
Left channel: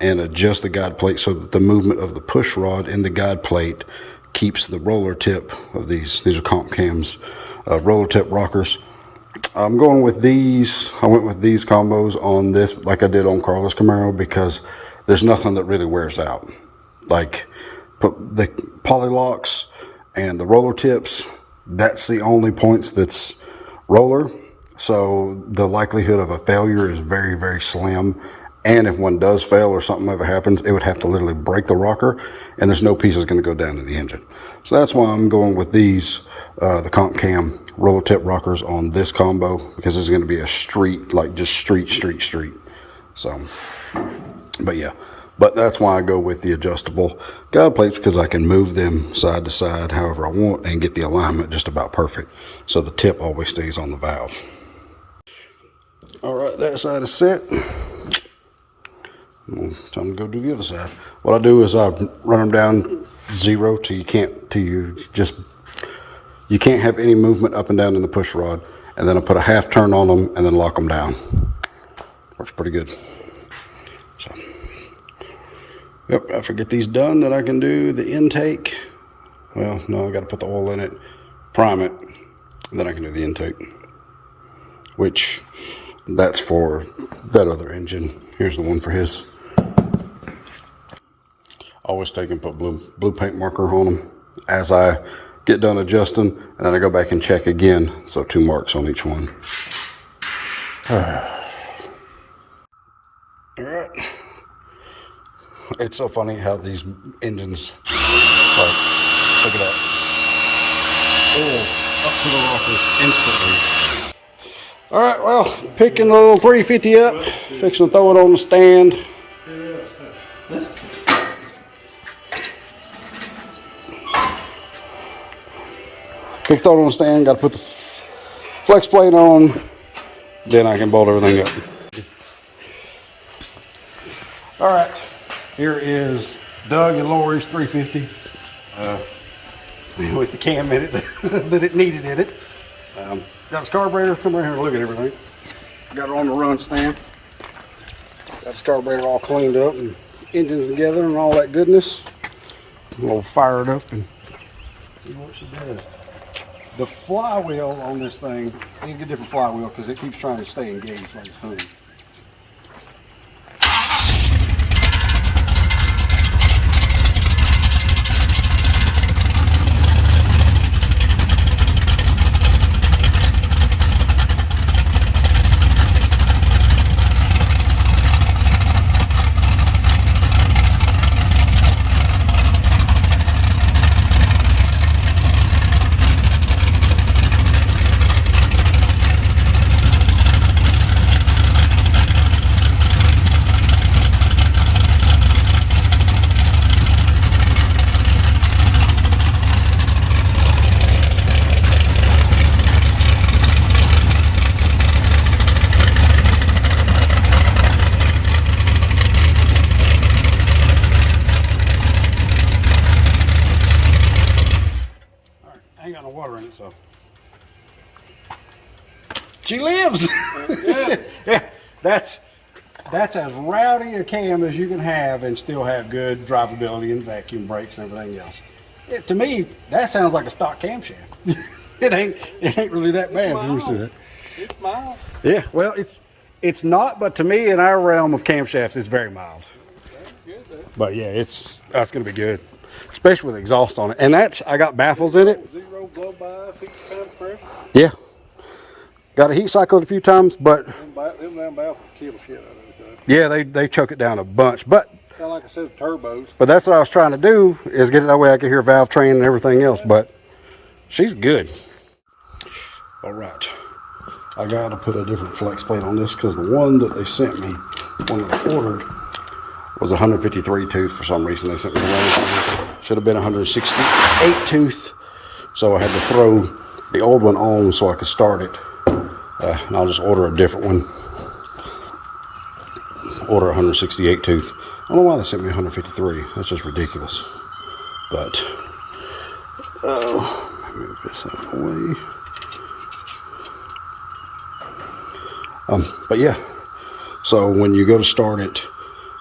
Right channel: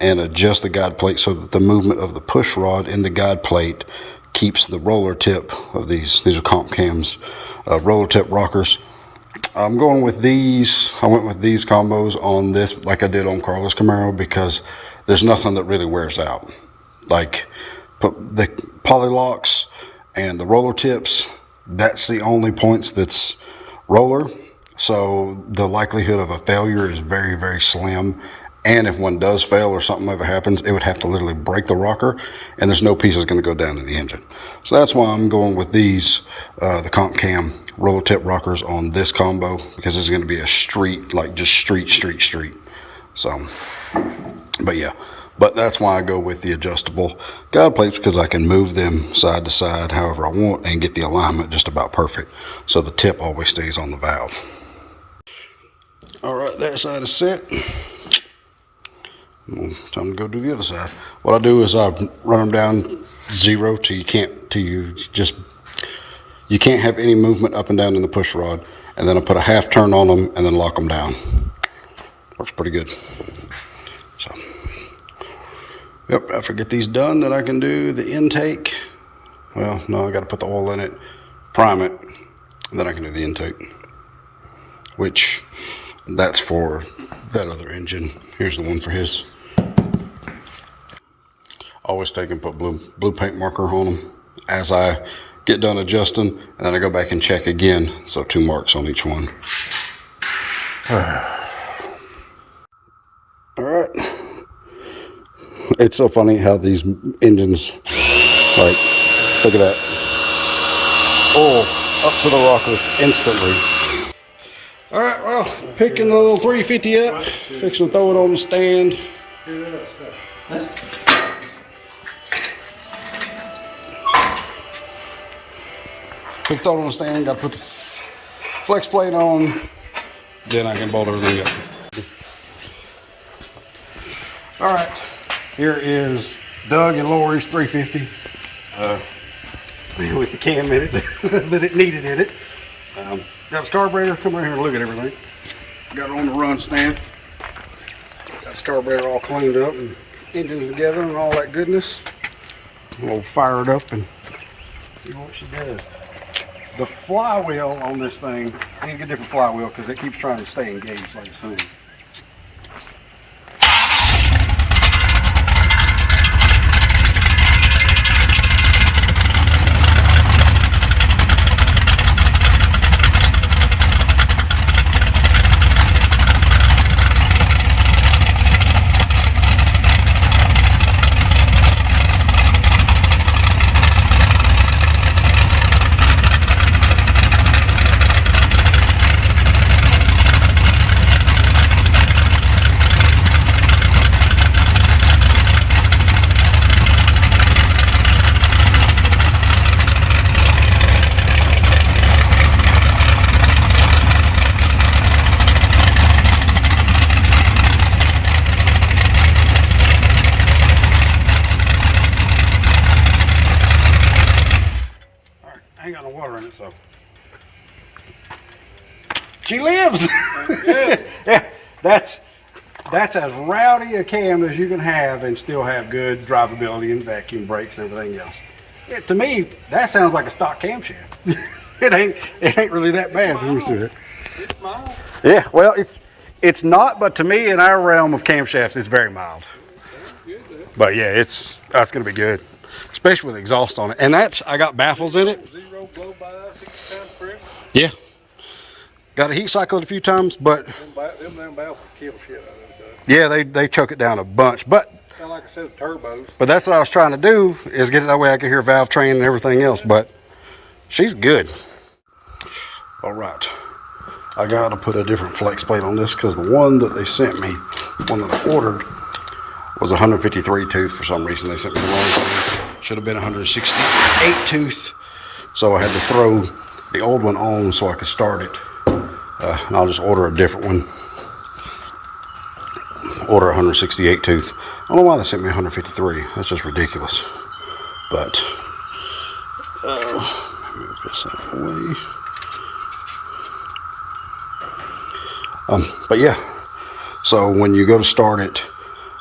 and adjust the guide plate so that the movement of the push rod in the guide plate keeps the roller tip of these are Camshaft roller tip rockers. I'm going with these. I went with these combos on this like I did on Carlos Camaro because there's nothing that really wears out. Like the poly locks and the roller tips, that's the only points that's roller. So the likelihood of a failure is very, very slim. And if one does fail or something ever happens, it would have to literally break the rocker and there's no pieces going to go down in the engine. So that's why I'm going with these, the Camshaft roller tip rockers on this combo, because it's going to be a street, like just street. So, but yeah, but that's why I go with the adjustable guide plates, because I can move them side to side however I want and get the alignment just about perfect. So the tip always stays on the valve. All right, that side is set. Time to go do the other side. What I do is I run them down 0 till you can't have any movement up and down in the push rod, and then I put a half turn on them and then lock them down. Works pretty good. So, yep, after I get these done, then I can do the intake. Well, no, I got to put the oil in it, prime it, and then I can do the intake, which that's for that other engine. Here's the one for his. Always take and put blue paint marker on them as I get done adjusting, and then I go back and check again. So 2 marks on each one. All right. It's so funny how these engines, like, look at that. Oil up to the rockers instantly. All right, well, picking the little 350 up, fixing to throw it on the stand. Picked it on the stand, got to put the flex plate on, then I can bolt everything up. All right, here is Doug and Lori's 350 with the cam in it that it needed in it. Got a carburetor, come right here and look at everything. Got it on the run stand. Got the carburetor all cleaned up and engines together and all that goodness. We'll fire it up and see what she does. The flywheel on this thing, I need to get a different flywheel because it keeps trying to stay engaged like it's hung. Ain't got no water in it, so she lives. Yeah, that's as rowdy a cam as you can have and still have good drivability and vacuum brakes and everything else. To me, that sounds like a stock camshaft. it ain't really that bad. Let me see it. It's mild. Yeah, well, it's not, but to me, in our realm of camshafts, it's very mild. But yeah, it's gonna be good, especially with exhaust on it. And I got baffles in it. Yeah. Got to heat cycle it a few times, but yeah, they choke it down a bunch. But like I said, turbos. But that's what I was trying to do, is get it that way I could hear valve train and everything else. But she's good. All right, I got to put a different flex plate on this because the one that they sent me, one that I ordered, was 153 tooth. For some reason they sent me the wrong one. Should have been 168 tooth. So I had to throw the old one on so I could start it. And I'll just order a different one. Order 168 tooth. I don't know why they sent me 153. That's just ridiculous. But move this out of the way. But yeah, so when you go to start it,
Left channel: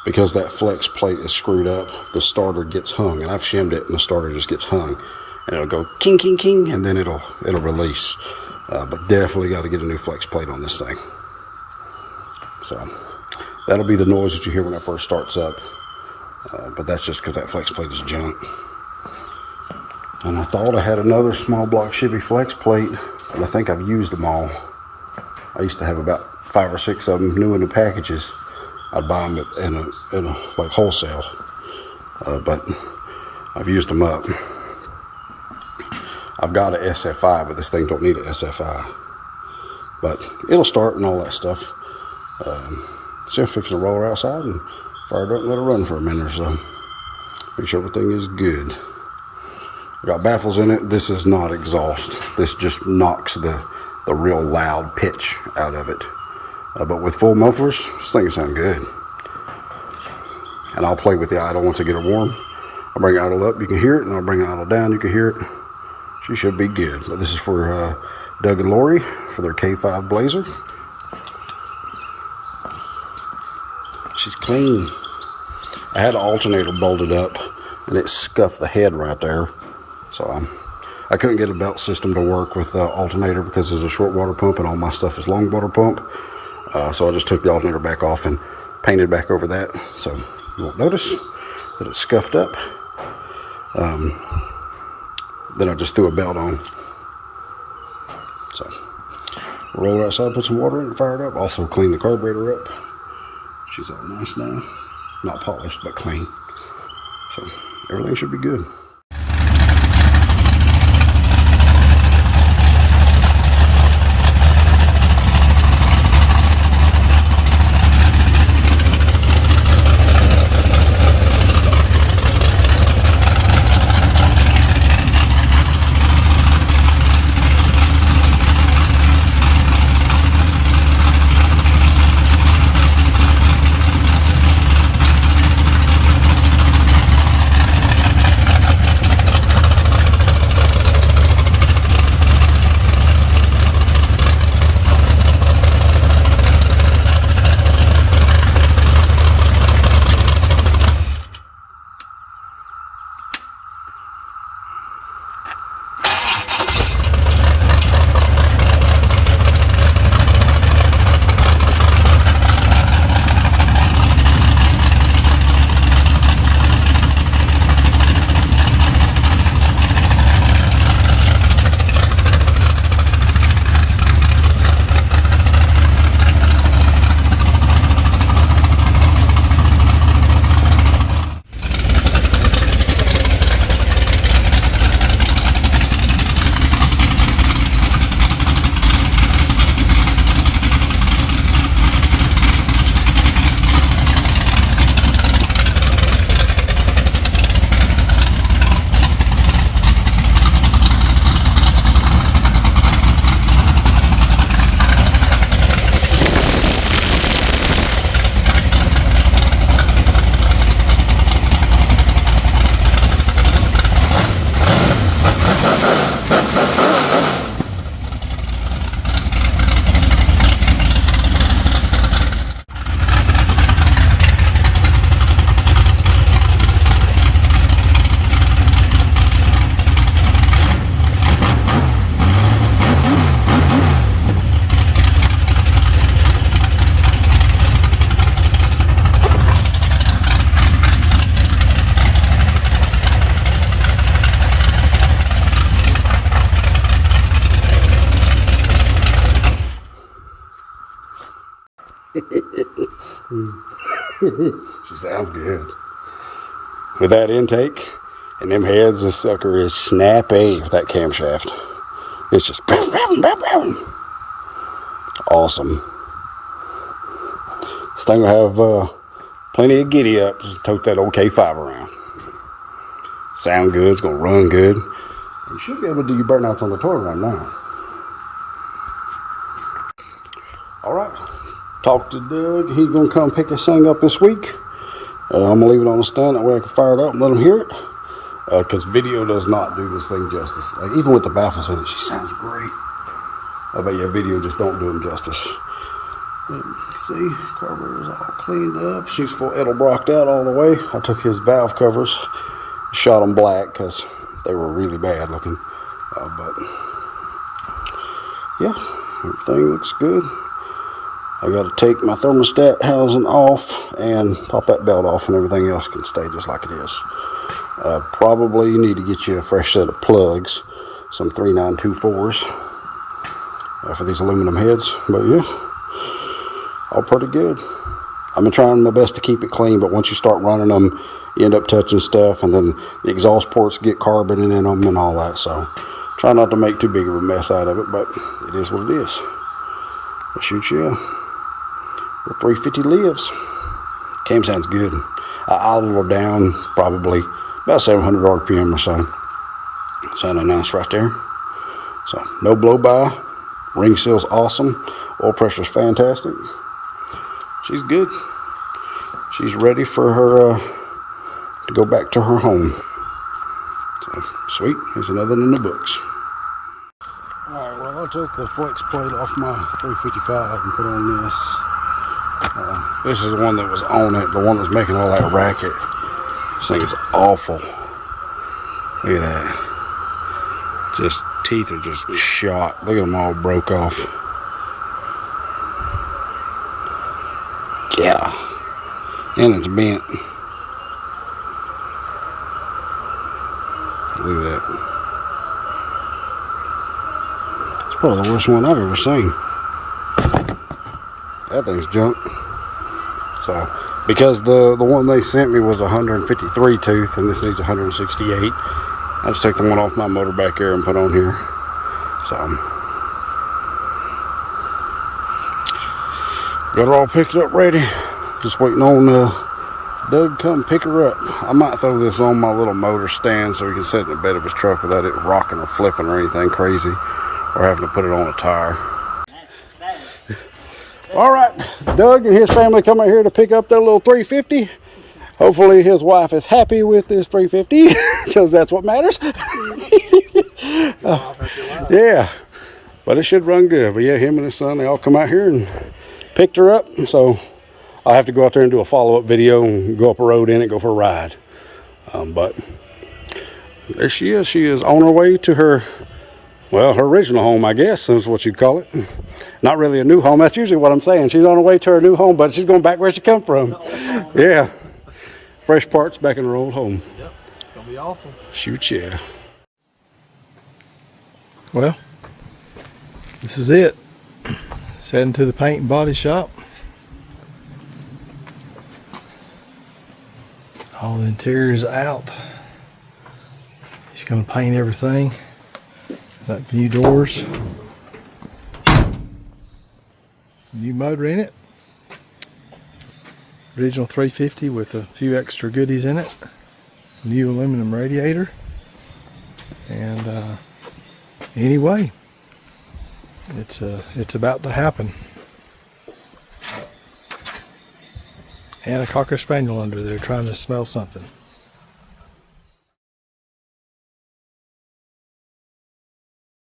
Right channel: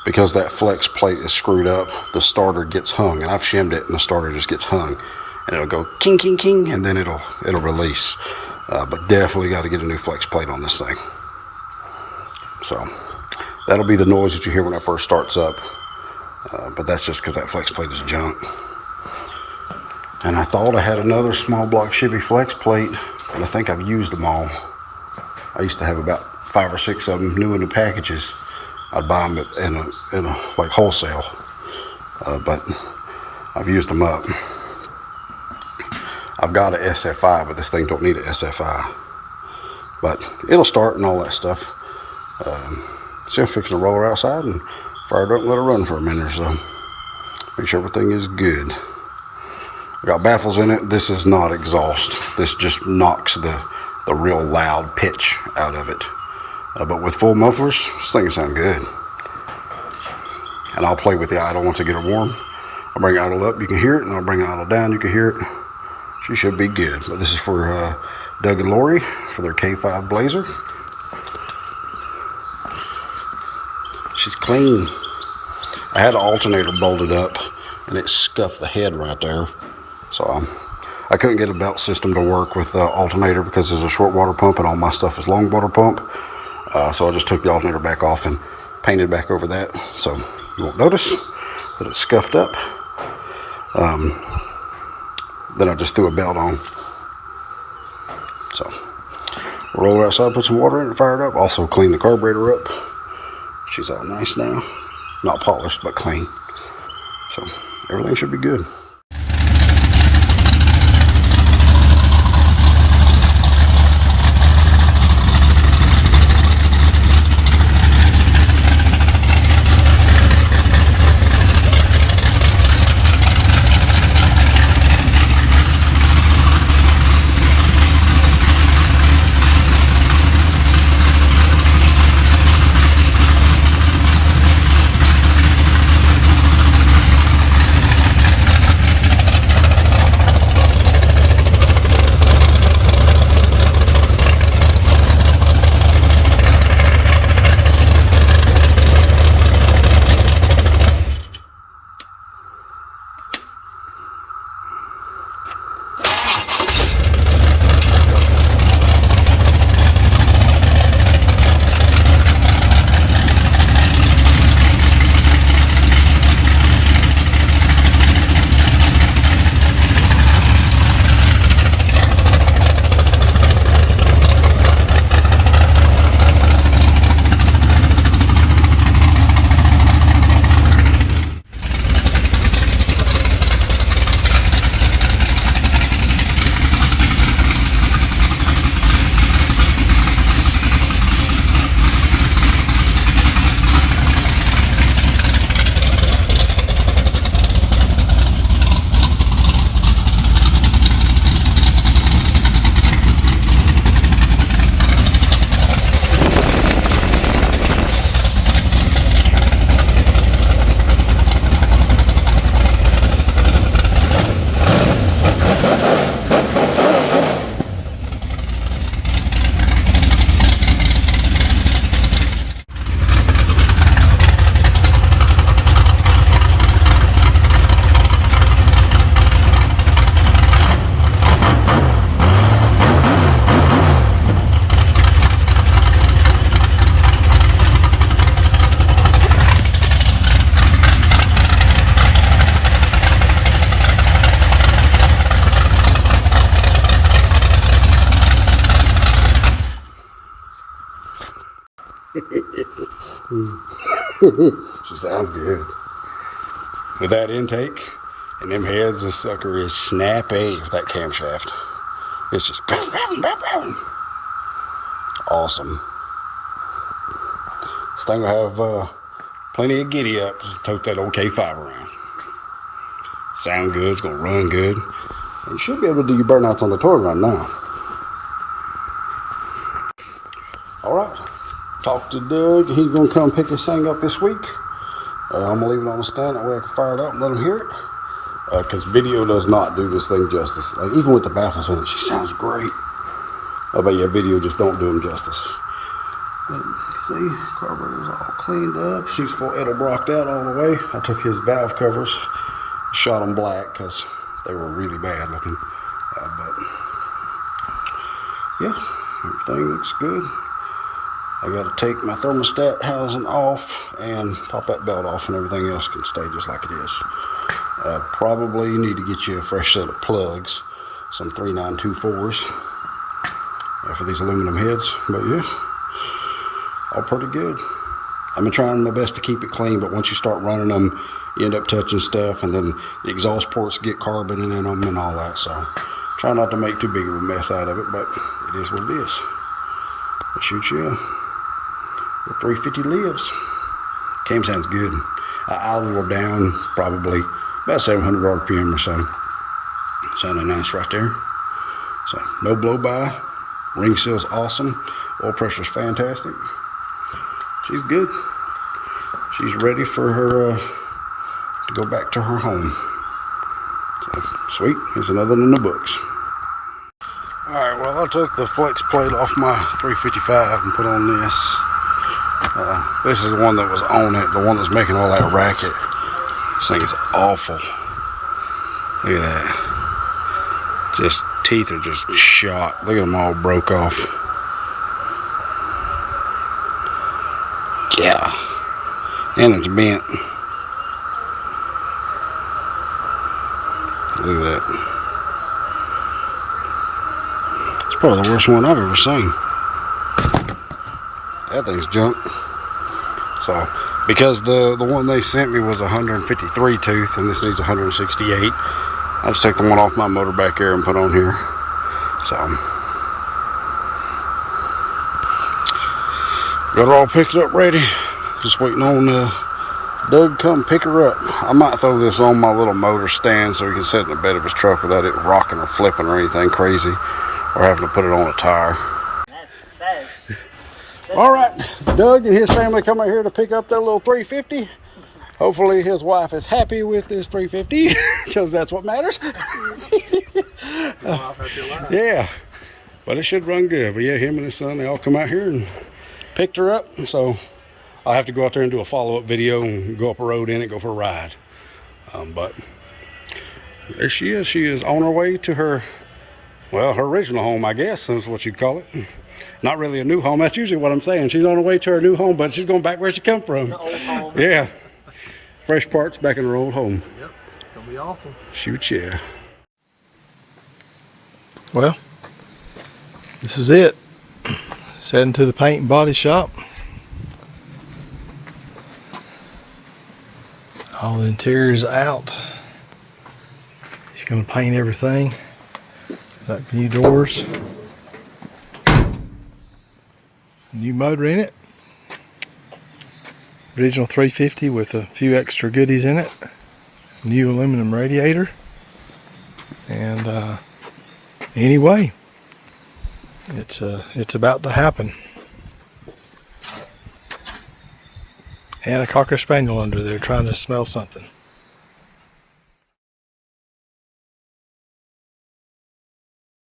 because that flex plate is screwed up, the starter gets hung, and I've shimmed it, and the starter just gets hung, and it'll go king, king, king, and then it'll release. But definitely got to get a new flex plate on this thing. So that'll be the noise that you hear when it first starts up. But that's just because that flex plate is junk. And I thought I had another small block Chevy flex plate, but I think I've used them all. I used to have about 5 or 6 of them new in the packages. I'd buy them in a like wholesale, but I've used them up. I've got an SFI, but this thing don't need an SFI. But it'll start and all that stuff. See, I'm fixing to roll her outside and fire it up and let her run for a minute or so. Make sure everything is good. I got baffles in it. This is not exhaust. This just knocks the real loud pitch out of it. But with full mufflers, this thing sounds good. And I'll play with the idle once I get her warm. I'll bring the idle up, you can hear it, and I'll bring the idle down, you can hear it. She should be good. But this is for Doug and Lori for their K5 Blazer. She's clean. I had an alternator bolted up, and it scuffed the head right there. So I couldn't get a belt system to work with the alternator because there's a short water pump and all my stuff is long water pump. So I just took the alternator back off and painted back over that. So you won't notice that it's scuffed up. Then I just threw a belt on. So roll her outside, put some water in it, fire it up. Also clean the carburetor up. She's all nice now. Not polished, but clean. So everything should be good. She sounds good. With that intake and them heads, this sucker is snappy with that camshaft. It's just awesome. This thing will have plenty of giddy up to tote that old K5 around. Sound good, it's gonna run good. And you should be able to do your burnouts on the toy run now. All right, talked to Doug. He's gonna come pick this thing up this week. I'm gonna leave it on the stand, that way I can fire it up and let him hear it. Because video does not do this thing justice. Like, even with the baffles in it, she sounds great. I bet your video just don't do them justice. But see, carburetor's all cleaned up. She's full Edelbrocked out all the way. I took his valve covers, shot them black because they were really bad looking. But yeah, everything looks good. I got to take my thermostat housing off and pop that belt off, and everything else can stay just like it is. Probably need to get you a fresh set of plugs, some 3924s for these aluminum heads. But yeah, all pretty good. I've been trying my best to keep it clean, but once you start running them, you end up touching stuff, and then the exhaust ports get carbon in them and all that. So try not to make too big of a mess out of it, but it is what it is. But shoot, yeah. The 350 lives. Cam sounds good. I idle her down probably about 700 RPM or so. Sounding nice right there. So no blow by. Ring seal's awesome. Oil pressure's fantastic. She's good. She's ready for her to go back to her home. So sweet. Here's another one in the books. All right. Well, I took the flex plate off my 355 and put on this. This is the one that was on it, the one that's making all that racket. This thing is awful. Look at that. Just teeth are just shot. Look at them all broke off. Yeah. And it's bent. Look at that. It's probably the worst one I've ever seen. That thing's junk. So, because the one they sent me was 153 tooth, and this needs 168, I just took the one off my motor back there and put on here. So, got her all picked up ready. Just waiting on Doug to come pick her up. I might throw this on my little motor stand so he can sit in the bed of his truck without it rocking or flipping or anything crazy, or having to put it on a tire. All right, Doug and his family come out here to pick up their little 350. Hopefully his wife is happy with this 350 because that's what matters. Yeah, but it should run good. But yeah, him and his son, they all come out here and picked her up. So I have to go out there and do a follow-up video and go up a road in it, go for a ride. But there she is. She is on her way to her, well, her original home, I guess, is what you'd call it. Not really a new home. That's usually what I'm saying. She's on her way to her new home, but she's going back where she come from. Yeah. Fresh parts back in her old home. Yep. It's going to be awesome. Shoot, yeah. Well, this is it. It's heading to the paint and body shop. All the interior's out. He's going to paint everything. Got new doors. New motor in it. Original 350 with a few extra goodies in it. New aluminum radiator. And anyway, it's about to happen. And a Cocker Spaniel under there trying to smell something.